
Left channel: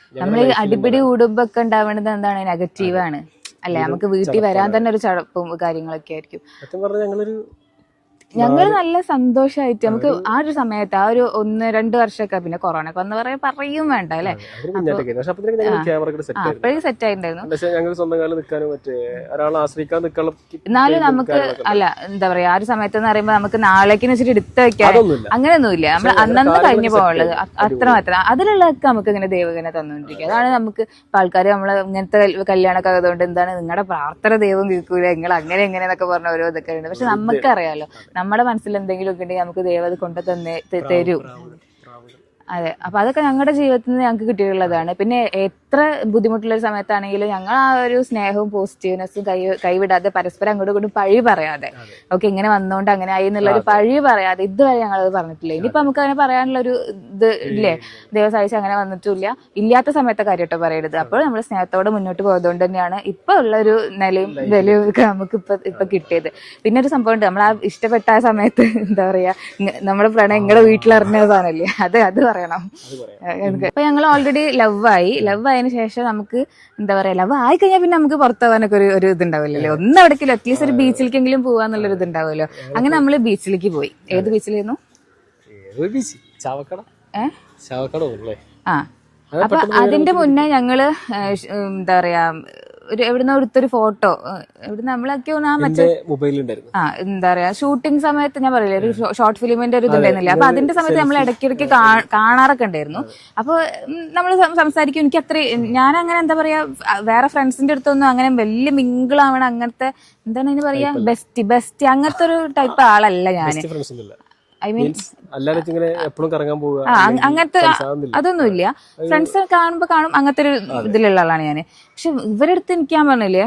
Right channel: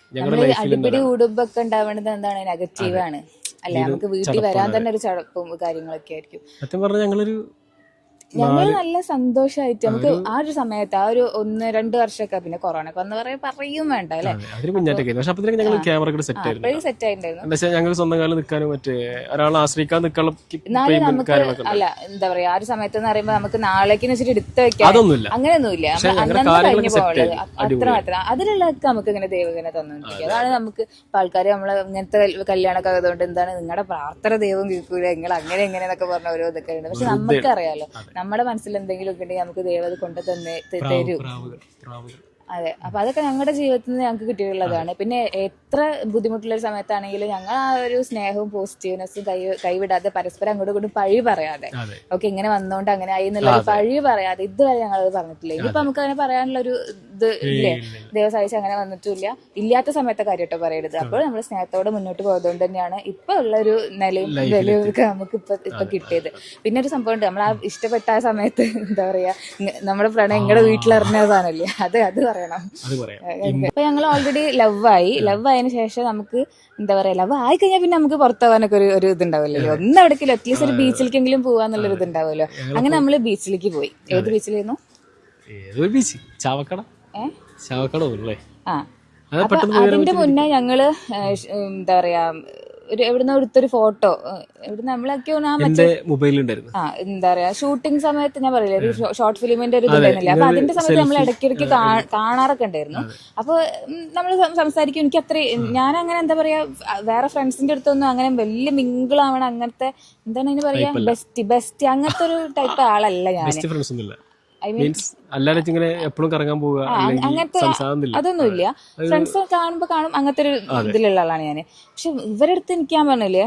അടിപിടി കൂടുമ്പൊക്കെ ഉണ്ടാവേണ്ടത് എന്താണ്, നെഗറ്റീവാണ് അല്ലെ. നമുക്ക് വീട്ടിൽ വരാൻ തന്നെ ഒരു ചടപ്പും കാര്യങ്ങളൊക്കെ ആയിരിക്കും. സത്യം പറഞ്ഞാൽ ഞങ്ങൾ നല്ല സന്തോഷമായിട്ട് നമുക്ക് ആ ഒരു സമയത്ത് ആ ഒരു 1-2 വർഷമൊക്കെ പിന്നെ കൊറോണ വന്ന് പറയും വേണ്ട അല്ലെ, അപ്പോഴും സെറ്റ് ആയിട്ടുണ്ടായിരുന്നു. സ്വന്തം കാലം നിൽക്കാനും മറ്റേ ഒരാളെ ആശ്രയിക്കാൻ നിൽക്കാനുള്ള. എന്നാലും നമുക്ക് അല്ല എന്താ പറയാ ആ ഒരു സമയത്ത് എന്ന് പറയുമ്പോൾ നമുക്ക് നാളേക്ക് വെച്ചിട്ട് എടുത്ത് വെക്കാൻ അങ്ങനെയൊന്നുമില്ല. നമ്മൾ അന്നന്ന് കഴിഞ്ഞു പോകാനുള്ളത് അത്രമാത്രം അതിലുള്ളതൊക്കെ നമുക്ക് ഇങ്ങനെ ദൈവം ഇങ്ങനെ തന്നുകൊണ്ടിരിക്കുക. അതാണ് നമുക്ക് ആൾക്കാർ നമ്മള് ഇങ്ങനത്തെ കല്യാണമൊക്കെ ആയതുകൊണ്ട് എന്താണ് നിങ്ങളുടെ പ്രാർത്ഥന ദൈവം കേൾക്കൂല, നിങ്ങൾ അങ്ങനെ എങ്ങനെയെന്നൊക്കെ പറഞ്ഞ ഓരോ ഇതൊക്കെ ഉണ്ട്. പക്ഷെ നമുക്കറിയാലോ നമ്മുടെ മനസ്സിൽ എന്തെങ്കിലും ഒക്കെ ഉണ്ടെങ്കിൽ നമുക്ക് ദൈവം അത് കൊണ്ടു തരൂ. അതെ, അപ്പൊ അതൊക്കെ ഞങ്ങളുടെ ജീവിതത്തിൽ നിന്ന് ഞങ്ങൾക്ക് കിട്ടിയിട്ടുള്ളതാണ്. പിന്നെ എത്ര ബുദ്ധിമുട്ടുള്ള സമയത്താണെങ്കിലും ഞങ്ങൾ ആ ഒരു സ്നേഹവും പോസിറ്റീവ്നെസ്സും കൈവിടാതെ പരസ്പരം അങ്ങോട്ടും ഇങ്ങോട്ടും പഴി പറയാതെ ഓക്കെ ഇങ്ങനെ വന്നോണ്ട് അങ്ങനെ ആയി എന്നുള്ളൊരു പഴി പറയാതെ ഇതുവരെ ഞങ്ങളത് പറഞ്ഞിട്ടില്ല. ഇനിയിപ്പോ നമുക്ക് അങ്ങനെ പറയാനുള്ള ഒരു ഇത് ഇല്ലേ, ദൈവം സഹായിച്ച് അങ്ങനെ വന്നിട്ടില്ല. ഇല്ലാത്ത സമയത്തെ കാര്യമായിട്ട് പറയരുത്. അപ്പോൾ നമ്മൾ സ്നേഹത്തോടെ മുന്നോട്ട് പോയതുകൊണ്ട് തന്നെയാണ് ഇപ്പൊ ഉള്ള ഒരു നിലയും ഒക്കെ നമുക്ക് ഇപ്പൊ കിട്ടിയത്. പിന്നെ ഒരു സംഭവം ഉണ്ട്, നമ്മൾ ആ ഇഷ്ടപ്പെട്ട ആ സമയത്ത് എന്താ പറയാ നമ്മുടെ പ്രണയം നിങ്ങളുടെ വീട്ടിലറിഞ്ഞതാണല്ലേ, അത് പറയണം. അപ്പൊ ഞങ്ങൾ ഓൾറെഡി ലവ് ആയതിനു ശേഷം നമുക്ക് എന്താ പറയാ ലവ് ആയി കഴിഞ്ഞാൽ പിന്നെ നമുക്ക് പുറത്തുപോകാനൊക്കെ ഒരു ഇതുണ്ടാവില്ലല്ലോ. ഒന്ന് എവിടേക്കില്ല അറ്റ്ലീസ്റ്റ് ഒരു ബീച്ചിലേക്കെങ്കിലും പോവാന്നുള്ളൊരു ഇതുണ്ടാവുമല്ലോ. അങ്ങനെ നമ്മള് ബീച്ചിലേക്ക് പോയി. ഏത് ബീച്ചിലായിരുന്നു? അപ്പൊ അതിന്റെ മുന്നേ ഞങ്ങള് എന്താ പറയാ എവിടുന്ന് എടുത്തൊരു ഫോട്ടോ, എവിടുന്ന് നമ്മളൊക്കെ ആ എന്റെ മൊബൈലുണ്ടായിരുന്നു. എന്താ പറയാ ഷൂട്ടിംഗ് സമയത്ത് ഞാൻ പറയില്ലേ ഒരു ഷോർട്ട് ഫിലിമിന്റെ ഒരു ഇതുണ്ടായിരുന്നില്ല, അപ്പൊ അതിന്റെ സമയത്ത് നമ്മൾ ഇടയ്ക്കിടയ്ക്ക് കാണാറൊക്കെ ഉണ്ടായിരുന്നു. അപ്പൊ നമ്മൾ സംസാരിക്കും. എനിക്ക് അത്ര ഞാൻ അങ്ങനെ എന്താ പറയാ വേറെ ഫ്രണ്ട്സിന്റെ അടുത്തൊന്നും അങ്ങനെ വലിയ മിങ്കിളാവണം അങ്ങനത്തെ എന്താണ് അതിന് പറയാ ബെസ്റ്റ് അങ്ങനത്തെ ഒരു ടൈപ്പ് ആളല്ല ഞാൻ. ഐ മീൻ എപ്പോഴും കറങ്ങാൻ പോവുക അങ്ങനത്തെ അതൊന്നുമില്ല. ഫ്രണ്ട്സ് കാണും അങ്ങനത്തെ ഒരു ഇതിലുള്ള ആളാണ് ഞാൻ. പക്ഷെ ഇവരുടെ അടുത്ത് എനിക്ക് ഞാൻ പറഞ്ഞില്ലേ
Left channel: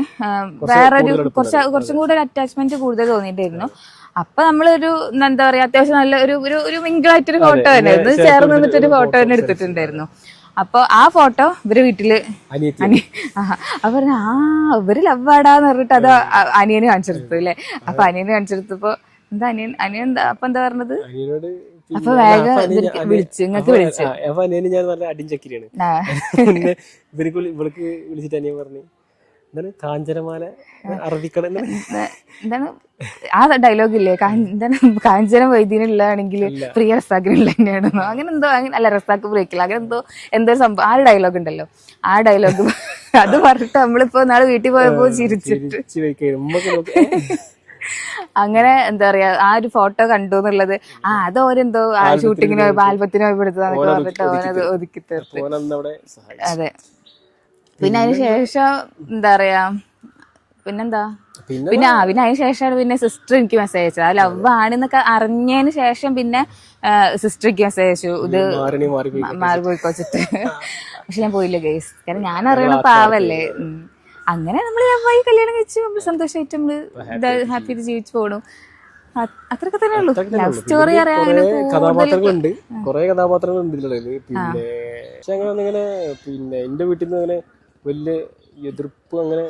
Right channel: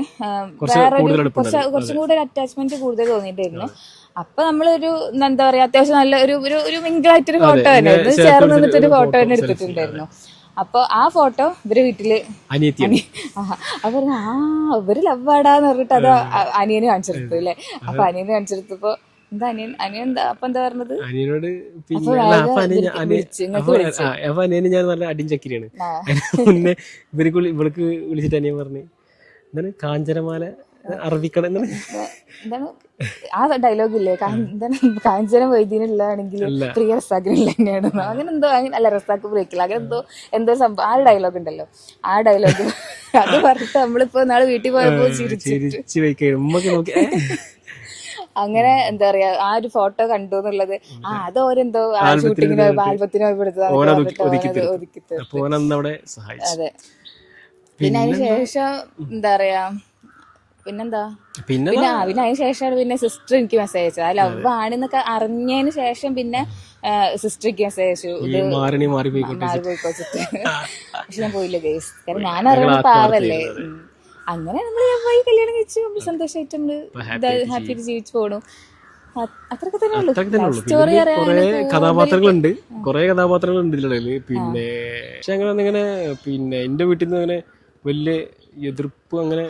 വേറൊരു കുറച്ചും കൂടെ ഒരു അറ്റാച്ച്മെന്റ് കൂടുതൽ തോന്നിയിട്ടായിരുന്നു. അപ്പൊ നമ്മളൊരു എന്താ പറയാ അത്യാവശ്യം നല്ല ഒരു മിങ്കിളായിട്ടൊരു ഫോട്ടോ തന്നെ ചേർന്ന് നിന്നിട്ടൊരു ഫോട്ടോ തന്നെ എടുത്തിട്ടുണ്ടായിരുന്നു. അപ്പൊ ആ ഫോട്ടോ ഇവര് വീട്ടില് അപ്പൊ ഇവര് ലവാടാന്ന് പറഞ്ഞിട്ട് അത് അനിയന് കാണിച്ചെടുത്തു അല്ലെ. അപ്പൊ അനിയന് കാണിച്ചെടുത്തപ്പോ എന്താ അനിയൻ എന്താ അപ്പൊ എന്താ പറഞ്ഞത്? അനിയനോട് അപ്പൊ വേഗം വിളിച്ചു അപ്പൊ അനിയന് ഞാൻ നല്ല അടിയും ചക്കിരിയാണ്. പിന്നെ ഇവൾക്ക് വിളിച്ചിട്ട് അനിയൻ പറഞ്ഞു എന്താണ് കാഞ്ചനമാല അറബിക്കണം എന്താണ് ആ ഡയലോഗ് ഇല്ലേ, എന്താണ് കാഞ്ചന വൈദ്യനുള്ളതാണെങ്കിൽ പ്രിയ റസാക്കിനുള്ള തന്നെയാണ് അങ്ങനെ എന്തോ, അല്ല റസാക്ക് ബ്രേക്കില്ല അങ്ങനെ എന്തോ സംഭവം ആ ഒരു ഡയലോഗ് ഉണ്ടല്ലോ. ആ ഡയലോഗ് അത് പറഞ്ഞിട്ട് നമ്മളിപ്പോ നാളെ വീട്ടിൽ പോയപ്പോ ചിരിച്ചു അങ്ങനെ എന്താ പറയാ ആ ഒരു ഫോട്ടോ കണ്ടു എന്നുള്ളത് അത് ഓരെന്തോ ഷൂട്ടിങ്ങിന് ആൽബത്തിന് പോയപ്പെടുത്തത് ഒതുക്കി തീർത്തു. അതെ. പിന്നെ അതിന് ശേഷം എന്താ പറയാ പിന്നെന്താ പിന്നെ അതിന് ശേഷമാണ് പിന്നെ സിസ്റ്റർ എനിക്ക് മെസ്സേജ് അയച്ചത്. ആ ലവ് ആണെന്നൊക്കെ അറിഞ്ഞതിന് ശേഷം പിന്നെ സിസ്റ്റർ എനിക്ക് മെസ്സേജ് അയച്ചു ഇത് മാറി പോയിക്കോച്ചിട്ട്. പക്ഷെ ഞാൻ പോയില്ല ഗൈസ്, കാരണം ഞാൻ അറിയണ പാവല്ലേ. അങ്ങനെ നമ്മൾ പോയി കല്യാണം കഴിച്ചു നമ്മൾ സന്തോഷമായിട്ട് നമ്മള് ഹാപ്പി ആയിട്ട് ജീവിച്ചു പോകണം. അത്രയൊക്കെ തന്നെ ഉള്ളൂ. ലവ് സ്റ്റോറി കഥാപാത്രങ്ങളുണ്ട്, കുറെ കഥാപാത്രങ്ങളുണ്ട് ഇതിലുള്ളത്. പിന്നെ പക്ഷെ അങ്ങനെ പിന്നെ എന്റെ വീട്ടിൽ നിന്ന് അങ്ങനെ വലിയ എതിർപ്പ് അങ്ങനെ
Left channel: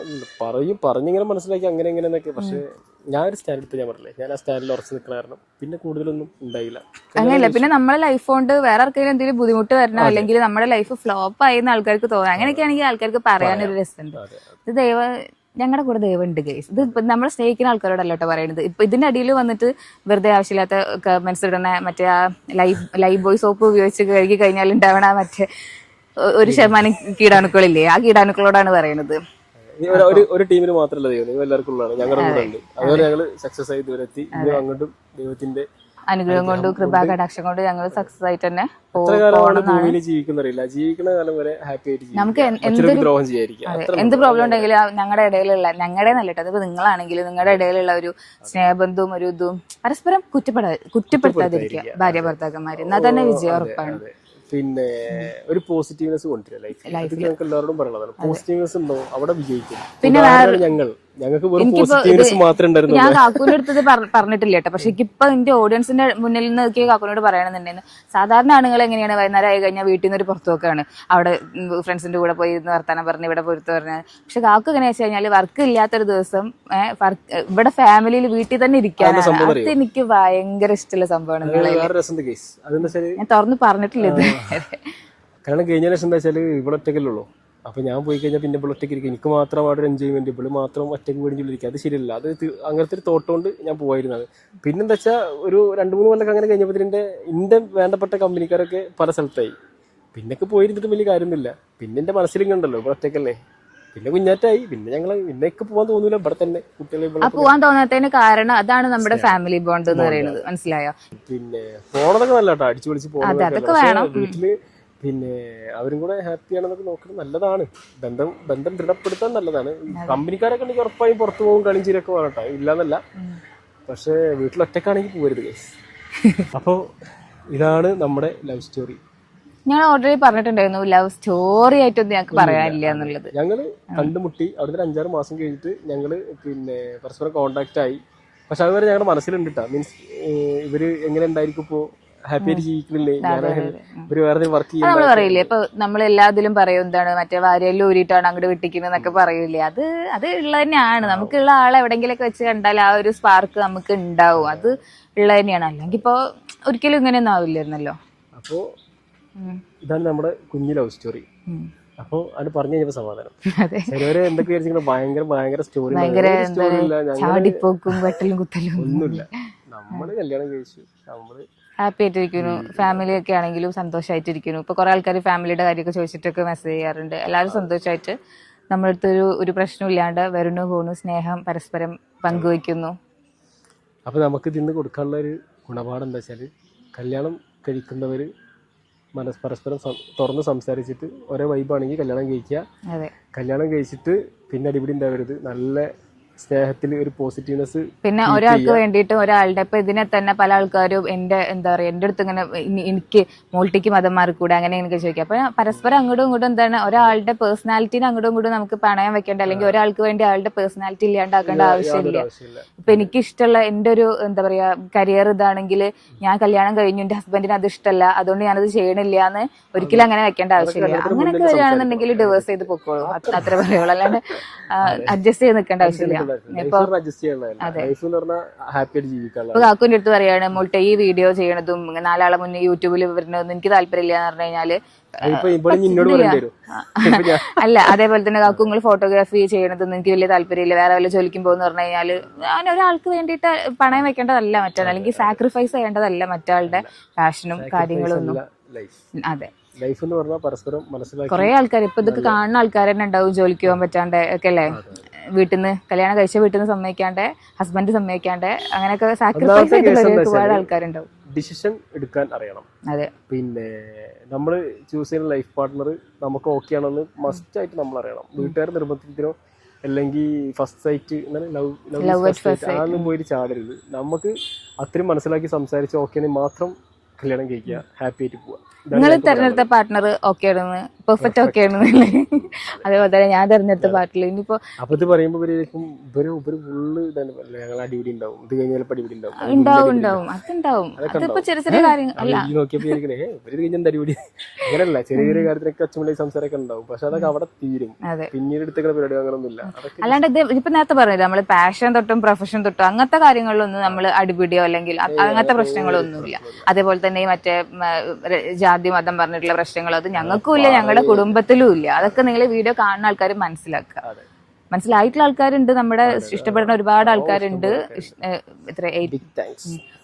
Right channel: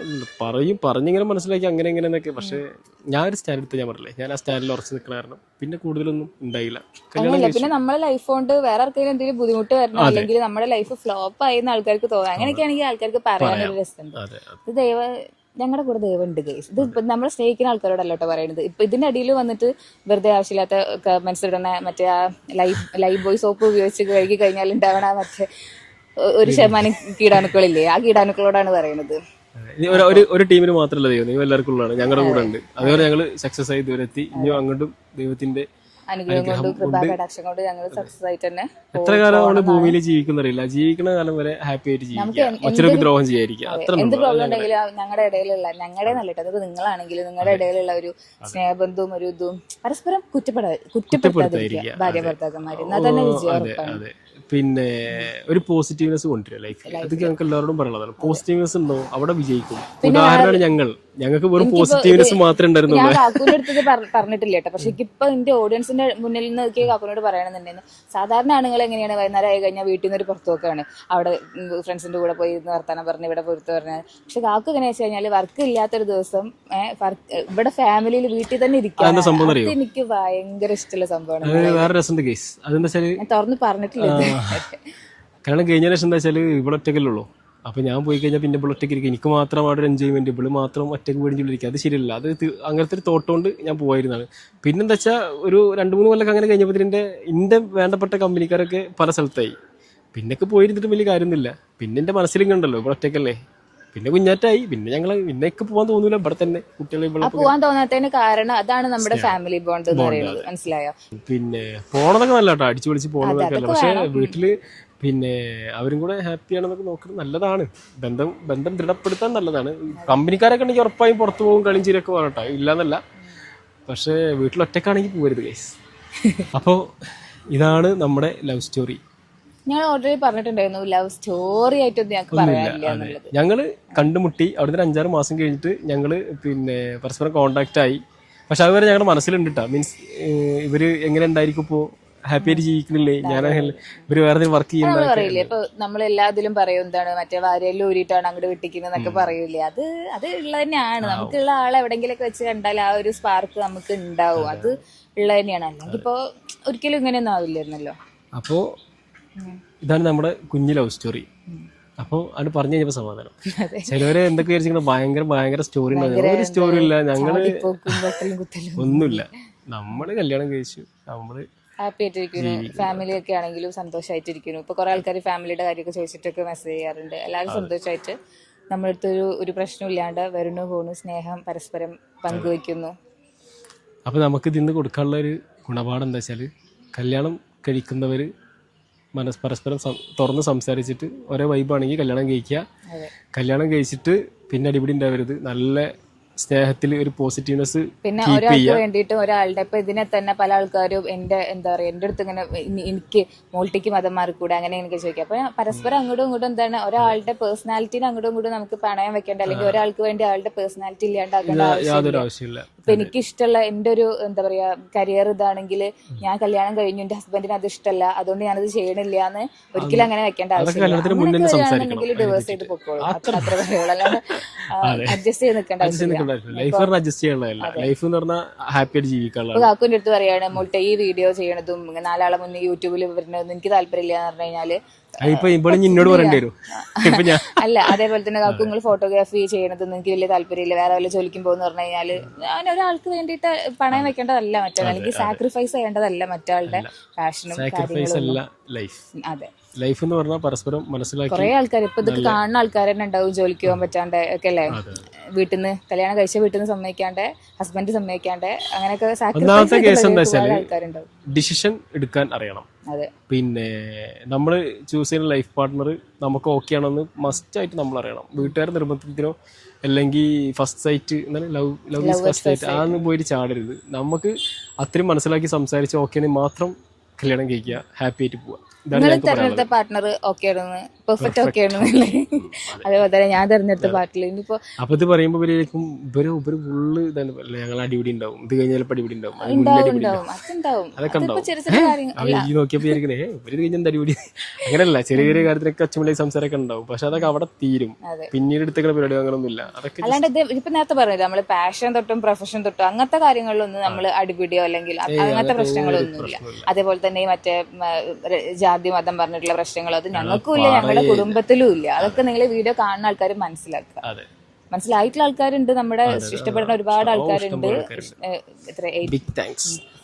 പറഞ്ഞിങ്ങനെ മനസ്സിലാക്കി അങ്ങനെ എങ്ങനെയെന്നൊക്കെ. പക്ഷെ ഞാൻ ഒരു സ്റ്റാൻഡ് എടുത്ത് ഞാൻ പറഞ്ഞില്ലേ, ഞാൻ ആ സ്റ്റാൻഡിൽ ഉറച്ചു നിൽക്കണ കാരണം പിന്നെ കൂടുതലൊന്നും ഉണ്ടായില്ല. അങ്ങനെയല്ല, പിന്നെ നമ്മളെ ലൈഫ് കൊണ്ട് വേറെ ആർക്കെങ്കിലും എന്തെങ്കിലും ബുദ്ധിമുട്ട് വരണം അല്ലെങ്കിൽ നമ്മുടെ ലൈഫ് ഫ്ലോപ്പ് ആയെന്ന് ആൾക്കാർക്ക് തോന്നാം. അങ്ങനെയൊക്കെ ആണെങ്കിൽ ആൾക്കാർക്ക് പറയാനൊരു രസമുണ്ട്. ഇത് ഞങ്ങളുടെ കൂടെ ദൈവം ഉണ്ട് ഗൈസ്. ഇത് നമ്മളെ സ്നേഹിക്കുന്ന ആൾക്കാരോടല്ല കേട്ടോ പറയുന്നത്. ഇപ്പൊ ഇതിന്റെ അടിയിൽ വന്നിട്ട് വെറുതെ ആവശ്യമില്ലാത്ത കമന്റ്സ് ഇടണ മറ്റേ ആ ലൈഫ് ബോയ് സോപ്പ് ഉപയോഗിച്ച് കഴുകി കഴിഞ്ഞാൽ ഉണ്ടാവണ മറ്റേ 1% കീടാണുക്കളില്ലേ, ആ കീടാണുക്കളോടാണ് പറയുന്നത്. ഒരു ടീമിന് മാത്രമല്ല ദൈവം, നിങ്ങൾ എല്ലാവർക്കും ഉള്ളതാണ്. ഞങ്ങളുടെ കൂടെ ഉണ്ട്. അതുപോലെ ഞങ്ങൾ സക്സസ് ആയി ദൂരെ എത്തി. ഇനി അങ്ങോട്ടും ദൈവത്തിന്റെ അനുഗ്രഹം കൊണ്ടും കൃപാ കടാക്ഷം കൊണ്ട് ഞങ്ങൾ സക്സസ് ആയിട്ട് തന്നെ എത്ര കാലമാണ് ഭൂമിയിൽ ജീവിക്കുന്നറിയില്ല. ജീവിക്കുന്ന കാലം വരെ ഹാപ്പി ആയിട്ട് ജീവിക്കും, ദ്രോഹം ചെയ്യാതിരിക്കും. എന്ത് പ്രോബ്ലം ഉണ്ടെങ്കിലും ഞങ്ങളുടെ ഇടയിലുള്ള ഞങ്ങളുടെ നല്ലത് അതിപ്പോ നിങ്ങളാണെങ്കിലും നിങ്ങളുടെ ഇടയിലുള്ള ഒരു സ്നേഹബന്ധവും ഒരു ഇതും പരസ്പരം കുറ്റപ്പെടുത്താതിരിക്കുക ഭാര്യ ഭർത്താക്കന്മാര്, എന്നാൽ തന്നെ വിജയം ഉറപ്പാണ്. പിന്നെ ഒരു പോസിറ്റീവ്നെസ് കൊണ്ടുവരിക ലൈഫിൽ. അത് ഞങ്ങൾക്ക് എല്ലാവരോടും പറയുന്നതാണ്. പോസിറ്റീവ്നെസ് ഉണ്ടോ അവിടെ വിജയിക്കും. ഉദാഹരണമാണ് ഞങ്ങൾക്ക് വെറും പോസിറ്റീവ്നെസ് മാത്രമേ ഉണ്ടായിരുന്നുള്ളൂ. ഞാൻ കാക്കൂന്റെ അടുത്തത് പറഞ്ഞിട്ടില്ല കേട്ടോ. പക്ഷെ ഇപ്പൊ എന്റെ ഓഡിയൻസിന്റെ മുന്നിൽ നിന്ന് കാക്കൂനോട് പറയണമെന്നുണ്ടെന്ന്. സാധാരണ ആണുങ്ങൾ എങ്ങനെയാണ് വൈകുന്നേരം ആയി കഴിഞ്ഞാൽ വീട്ടിൽ നിന്ന് ഒരു പുറത്തു നോക്കാണ്, അവിടെ ഫ്രണ്ട്സിന്റെ കൂടെ പോയി വർത്താനം പറഞ്ഞ് ഇവിടെ പുറത്ത് പറഞ്ഞത്. പക്ഷെ കാക്കു എങ്ങനെയാ വെച്ച് കഴിഞ്ഞാൽ വർക്ക് ഇല്ലാത്തൊരു ദിവസം ഇവിടെ ഫാമിലിയിൽ വീട്ടിൽ തന്നെ ഇരിക്കാണ്. അത് എനിക്ക് ഭയങ്കര ഇഷ്ടമുള്ള സംഭവമാണ്. ഞാൻ തുറന്ന് പറഞ്ഞിട്ടില്ല. കാരണം കഴിഞ്ഞ ലക്ഷം എന്താ വെച്ചാൽ ഇവിടെ ഒറ്റക്കല്ലുള്ളൂ. അപ്പോൾ ഞാൻ പോയി കഴിഞ്ഞാൽ പിന്നെ ഇവിടെ ഒറ്റയ്ക്ക് ഇരിക്കും. എനിക്ക് മാത്രം അവിടെ ഒരു എൻജോയ്മെന്റ്, ഇവിടെ മാത്രം ഒറ്റയ്ക്ക് മേടിച്ചിരിക്കുക, അത് ശരിയല്ല. അത് അങ്ങനത്തെ ഒരു തോട്ടുകൊണ്ട് ഞാൻ പോയിരുന്നതാണ്. പിന്നെന്താ വെച്ചാൽ ഒരു 2-3 കൊല്ലം അങ്ങനെ കഴിഞ്ഞപ്പോൾ എൻ്റെ വേണ്ടപ്പെട്ട കമ്പനിക്കാരൊക്കെ പല സ്ഥലത്തായി. പിന്നൊക്കെ പോയിരുന്നിട്ട് വലിയ കാര്യമൊന്നുമില്ല. പിന്നെ എൻ്റെ മനസ്സിലും കണ്ടല്ലോ ഇവിടെ ഒറ്റയ്ക്കല്ലേ, പിന്നെ കുഞ്ഞാറ്റായി. പിന്നെ ഞങ്ങൾ പിന്നെയൊക്കെ പോകാൻ തോന്നൂല, ഇവിടെ തന്നെ കുട്ടികളെ പോകാൻ തോന്നാത്തതിന് കാരണം അതാണ് നമ്മുടെ ഫാമിലി ബോണ്ട് എന്ന് പറയുന്നത്. മനസ്സിലായോ? പിന്നെ പോണതൊക്കെ നല്ല കേട്ടോ, അടിച്ചു പൊളിച്ച് പോകണതൊക്കെ. പക്ഷേ വീട്ടില് പിന്നെ അവരും കൂടെ ഹാപ്പി ആണെന്നൊക്കെ നോക്കുന്നത് നല്ലതാണ്. ബന്ധം ദൃഢപ്പെടുത്താൻ നല്ലതാണ്. കമ്പനിക്കാരൊക്കെ ഉണ്ടെങ്കിൽ ഉറപ്പായും പുറത്തു പോകും, കളിയും ചിരിയൊക്കെ പോകട്ടോ, ഇല്ലാന്നല്ല. പക്ഷേ വീട്ടിലൊറ്റക്കാണെങ്കിൽ പോകരുത് ഗൈസ്. അപ്പോൾ ഇതാണ് നമ്മുടെ ലവ് സ്റ്റോറി. ഞങ്ങൾ ഓൾറെഡി പറഞ്ഞിട്ടുണ്ടായിരുന്നു ലവ് സ്റ്റോറി ആയിട്ടൊന്നും ഞങ്ങൾക്ക് പറയാനില്ല എന്നുള്ളത്. ഞങ്ങള് കണ്ടുമുട്ടി അവിടുന്ന് 5-6 മാസം കഴിഞ്ഞിട്ട് ഞങ്ങള് പിന്നെ പരസ്പരം കോണ്ടാക്ട് ആയി. പക്ഷെ അതുവരെ ഞങ്ങളുടെ മനസ്സിലുണ്ട് കേട്ടോ. മീൻസ് ഇവര് എങ്ങനെ ഉണ്ടായിരിക്കും, ഇപ്പോൾ ഹാപ്പി ആയിട്ട് ജീവിക്കുന്നില്ലേ, ഞാൻ ഇവര് വേറെ വർക്ക് ചെയ്യുന്നത് പറയില്ലേ. ഇപ്പൊ നമ്മൾ എല്ലാത്തിലും പറയും എന്താണ് മറ്റേ വാരിയെല്ലാം ഊരിയിട്ടാണ് അങ്ങോട്ട് വിട്ടിക്കുന്നത് എന്നൊക്കെ പറയൂലേ. അത് ഉള്ളത് തന്നെയാണ്. നമുക്കുള്ള ആളെ എവിടെങ്കിലൊക്കെ വെച്ച് കണ്ടാൽ ആ ഒരു സ്പാർക്ക് നമുക്ക് ഉണ്ടാവും. അത് ഉള്ളത് തന്നെയാണ്. അല്ലെങ്കിൽ ഇപ്പൊ ഒരിക്കലും ഇങ്ങനെയൊന്നും ആവില്ലായിരുന്നല്ലോ. അപ്പോ ഇതാണ് നമ്മുടെ കുഞ്ഞു ലവ് സ്റ്റോറി. അപ്പൊ അത് പറഞ്ഞു കഴിഞ്ഞപ്പോ സമാധാനം. ചിലവര് എന്തൊക്കെ വിചാരിച്ചിരിക്കുന്നത് ഭയങ്കര സ്റ്റോറി ഇല്ല. ഞങ്ങള് ഒന്നുമില്ല. നമ്മള് കല്യാണം കഴിച്ചു, നമ്മള് ഹാപ്പി ആയിട്ടിരിക്കുന്നു. ഫാമിലി ഒക്കെ ആണെങ്കിലും സന്തോഷമായിട്ടിരിക്കുന്നു. ഇപ്പൊ കുറെ ആൾക്കാർ ഫാമിലിയുടെ കാര്യമൊക്കെ ചോദിച്ചിട്ടൊക്കെ മെസ്സേജ് ചെയ്യാറുണ്ട്. എല്ലാവരും സന്തോഷമായിട്ട് നമ്മളടുത്തൊരു ഒരു പ്രശ്നമില്ലാണ്ട് വരുന്നു പോകുന്നു, സ്നേഹം പരസ്പരം പങ്കുവയ്ക്കുന്നു. അപ്പോൾ നമുക്ക് ഇതിന്ന് കൊടുക്കാനുള്ള ഒരു ഗുണപാഠം എന്താ വെച്ചാൽ, കല്യാണം കഴിക്കുന്നവർ പരസ്പരം തുറന്ന് സംസാരിച്ചിട്ട് ഒരേ വൈബാണെങ്കിൽ കല്യാണം കഴിക്കുക. കല്യാണം കഴിച്ചിട്ട് പിന്നെ അടിപിടി ഉണ്ടാവരുത്. നല്ല സ്നേഹത്തിൽ ഒരു പോസിറ്റീവ്നെസ്. പിന്നെ ഒരാൾക്ക് വേണ്ടിയിട്ട് ഒരാളുടെ ഇപ്പൊ ഇതിനെ തന്നെ പല ആൾക്കാരും എന്റെ എന്താ പറയാ എന്റെ അടുത്ത് ഇങ്ങനെ എനിക്ക് മോൾട്ടിക്ക് മതം മാറിക്കൂടെ അങ്ങനെ എനിക്ക് ചോദിക്കാം. അപ്പൊ പരസ്പരം അങ്ങോട്ടും ഇങ്ങോട്ടും എന്താണ് ഒരാളുടെ പേഴ്സണാലിറ്റിനെ അങ്ങോട്ടും ഇങ്ങോട്ടും നമുക്ക് പണയം വെക്കേണ്ട, അല്ലെങ്കിൽ ഒരാൾക്ക് വേണ്ടി ആളുടെ പേഴ്സണാലിറ്റി ഇല്ലാണ്ടാക്കേണ്ട ആവശ്യമില്ല. ഇപ്പൊ എനിക്ക് ഇഷ്ടമുള്ള എന്റെ ഒരു എന്താ പറയാ കരിയർ ഇതാണെങ്കിൽ ഞാൻ കല്യാണം കഴിഞ്ഞു, എന്റെ ഹസ്ബൻഡിന് അത് ഇഷ്ടമല്ല, അതുകൊണ്ട് ഞാനത് ചെയ്യണില്ല എന്ന് ഒരിക്കലും അങ്ങനെ വെക്കേണ്ട ആവശ്യമില്ല. അങ്ങനെയൊക്കെ വരികയാണെന്നുണ്ടെങ്കിൽ ഡിവേഴ്സ് ചെയ്ത് പൊക്കോളൂ, അത്ര പറയുള്ളൂ. അല്ലാണ്ട് അഡ്ജസ്റ്റ് ചെയ്ത് നിൽക്കേണ്ട ആവശ്യമില്ല. കാക്കുവിന്റെ അടുത്ത് പറയാണ് മോൾട്ടെ ഈ വീഡിയോ ചെയ്യണതും 4 ആളെ മുന്നേ യൂട്യൂബിൽ വരുന്നതൊന്നും എനിക്ക് താല്പര്യമില്ല എന്ന് പറഞ്ഞു കഴിഞ്ഞാല് അല്ല. അതേപോലെ തന്നെ കാക്കു നിങ്ങൾ ഫോട്ടോഗ്രാഫി ചെയ്യണതൊന്നും എനിക്ക് വലിയ താല്പര്യമില്ല, വേറെ വല്ല ജോലിക്കും പോകുന്ന പറഞ്ഞു കഴിഞ്ഞാല് അങ്ങനെ ഒരാൾക്ക് വേണ്ടിയിട്ട് പണയം വെക്കേണ്ടതല്ല മറ്റാൾ, അല്ലെങ്കിൽ സാക്രിഫൈസ് ചെയ്യേണ്ടതല്ല മറ്റാളുടെ പാഷനും കാര്യങ്ങളൊന്നും. അതെ, ലൈഫ് എന്ന് പറഞ്ഞാൽ പരസ്പരം മനസ്സിലാക്കി. കുറെ ആൾക്കാർ ഇപ്പൊ ഇതൊക്കെ കാണുന്ന ആൾക്കാർ തന്നെ ഉണ്ടാവും, ജോലിക്ക് പോകാൻ പറ്റാണ്ട് ഒക്കെ അല്ലേ, വീട്ടിൽ നിന്ന് കല്യാണം കഴിച്ച വീട്ടിൽ നിന്ന് സമ്മതിക്കാണ്ട്, ഹസ്ബൻഡ് സമ്മതിക്കാണ്ട്, അങ്ങനെയൊക്കെ സാക്രിഫൈസ് ആൾക്കാരുണ്ടാവും. ഡിസിഷൻ എടുക്കാൻ അറിയണം. അതെ, പിന്നെ നമ്മൾ ചൂസ് ചെയ്യുന്ന ലൈഫ് പാർട്ട്ണർ നമുക്ക് ഓക്കെ ആണെന്ന് മസ്റ്റ് ആയിട്ട് നമ്മൾ അറിയണം. വീട്ടുകാർ നിർബന്ധത്തിനോ അല്ലെങ്കിൽ ഫസ്റ്റ് സൈറ്റ് അതൊന്നും പോയിട്ട് ചാടരുത്. നമുക്ക് അത്രയും മനസ്സിലാക്കി സംസാരിച്ച് ഓക്കെ മാത്രം കല്യാണം കഴിക്കുക, ഹാപ്പി ആയിട്ട് പോവുക. നിങ്ങൾ തെരഞ്ഞെടുത്ത പാർട്ട്ണർ ഓക്കെ ആണെന്ന്, പെർഫെക്റ്റ് ഓക്കെ ആണെന്നല്ലേ, അതേപോലെ തന്നെ ഞാൻ തെരഞ്ഞെടുത്ത പാർട്ടിൽ ഇനിയിപ്പോ അപ്പൊ ഇത് പറയുമ്പോ ഫുള്ള് ഇതാണ് ഞങ്ങൾ അടിപിടി ഉണ്ടാവും, ഇത് കഴിഞ്ഞാൽ അടിപിടി ഉണ്ടാവും, അതുണ്ടാവും. അതിപ്പോ ചെറിയ ചെറിയ കാര്യങ്ങൾ നോക്കിയപ്പോ ഇവര് കഴിഞ്ഞ അടിപിടി അങ്ങനെയല്ല, ചെറിയ ചെറിയ കാര്യത്തിനൊക്കെ അച്ഛൻ സംസാരമൊക്കെ ഉണ്ടാവും. പക്ഷെ അതൊക്കെ അവിടെ തീരും, പിന്നീട് എടുത്തേക്കുന്ന പരിപാടി അങ്ങനൊന്നും ഇല്ല. അതൊക്കെ അല്ലാണ്ട് ഇത് ഇപ്പൊ നേരത്തെ പറഞ്ഞത് നമ്മള് പാഷൻ തൊട്ടും പ്രൊഫഷൻ തൊട്ടും അങ്ങനത്തെ കാര്യങ്ങളിലൊന്നും നമ്മൾ അടിപിടിയോ അല്ലെങ്കിൽ അങ്ങനത്തെ പ്രശ്നങ്ങളൊന്നുമില്ല. അതേപോലെ തന്നെ മറ്റേ ജാതി മതം പറഞ്ഞിട്ടുള്ള പ്രശ്നങ്ങൾ അത് ഞങ്ങൾക്കും ഇല്ല, ഞങ്ങളുടെ കുടുംബത്തിലും ഇല്ല. അതൊക്കെ നിങ്ങൾ വീഡിയോ കാണുന്ന ആൾക്കാർ മനസ്സിലാക്കുക. മനസ്സിലായിട്ടുള്ള ആൾക്കാരുണ്ട്, നമ്മുടെ ഇഷ്ടപ്പെടുന്ന ഒരുപാട് ആൾക്കാരുണ്ട്.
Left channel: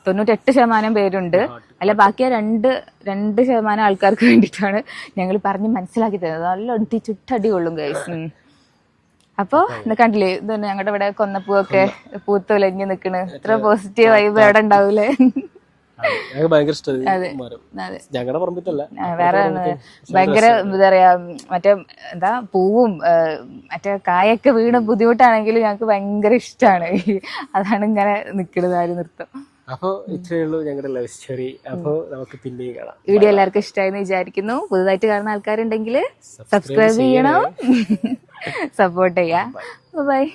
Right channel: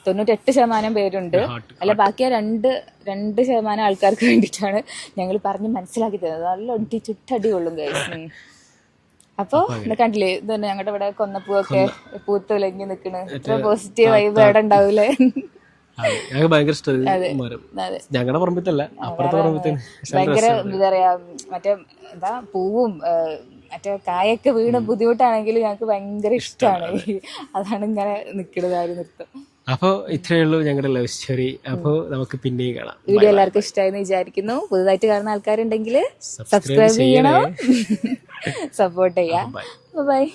98% പേരുണ്ട്. അല്ല, ബാക്കി 2% ആൾക്കാർക്ക് വേണ്ടിയിട്ടാണ് ഞങ്ങൾ പറഞ്ഞ് മനസ്സിലാക്കി തരുന്നത്. നല്ല ചുട്ടടി കൊള്ളും ഗൈസ്. അപ്പൊ കണ്ടില്ലേ, ഇത് തന്നെ ഞങ്ങളുടെ ഇവിടെ കൊന്നപ്പൂവൊക്കെ പൂത്തുലഞ്ഞ് നിക്കണ്. ഇത്ര പോസിറ്റീവ് വൈബ് അവിടെ ഉണ്ടാവൂലേ. ഞങ്ങൾക്ക് ഭയങ്കര ഇഷ്ടമാണ്. ഞങ്ങളുടെ പറമ്പത്തല്ല, ഭയങ്കര എന്താ പറയാ മറ്റേ എന്താ പൂവും മറ്റേ കായൊക്കെ വീണ് ബുദ്ധിമുട്ടാണെങ്കിലും ഞങ്ങൾക്ക് ഭയങ്കര ഇഷ്ടമാണ്. അതാണ് ഇങ്ങനെ നിക്കണത് നൃത്തം. അപ്പൊ ഇത്രയേ ഉള്ളൂ ഞങ്ങളുടെ ലവ് സ്റ്റോറി. അപ്പൊ നമുക്ക് പിന്നെയും കാണാം. വീഡിയോ എല്ലാവർക്കും ഇഷ്ടമായെന്ന് വിചാരിക്കുന്നു. പുതുതായിട്ട് കാണുന്ന ആൾക്കാരുണ്ടെങ്കിൽ സബ്സ്ക്രൈബ് ചെയ്യണം, സപ്പോർട്ട് ചെയ്യാം. ബൈ.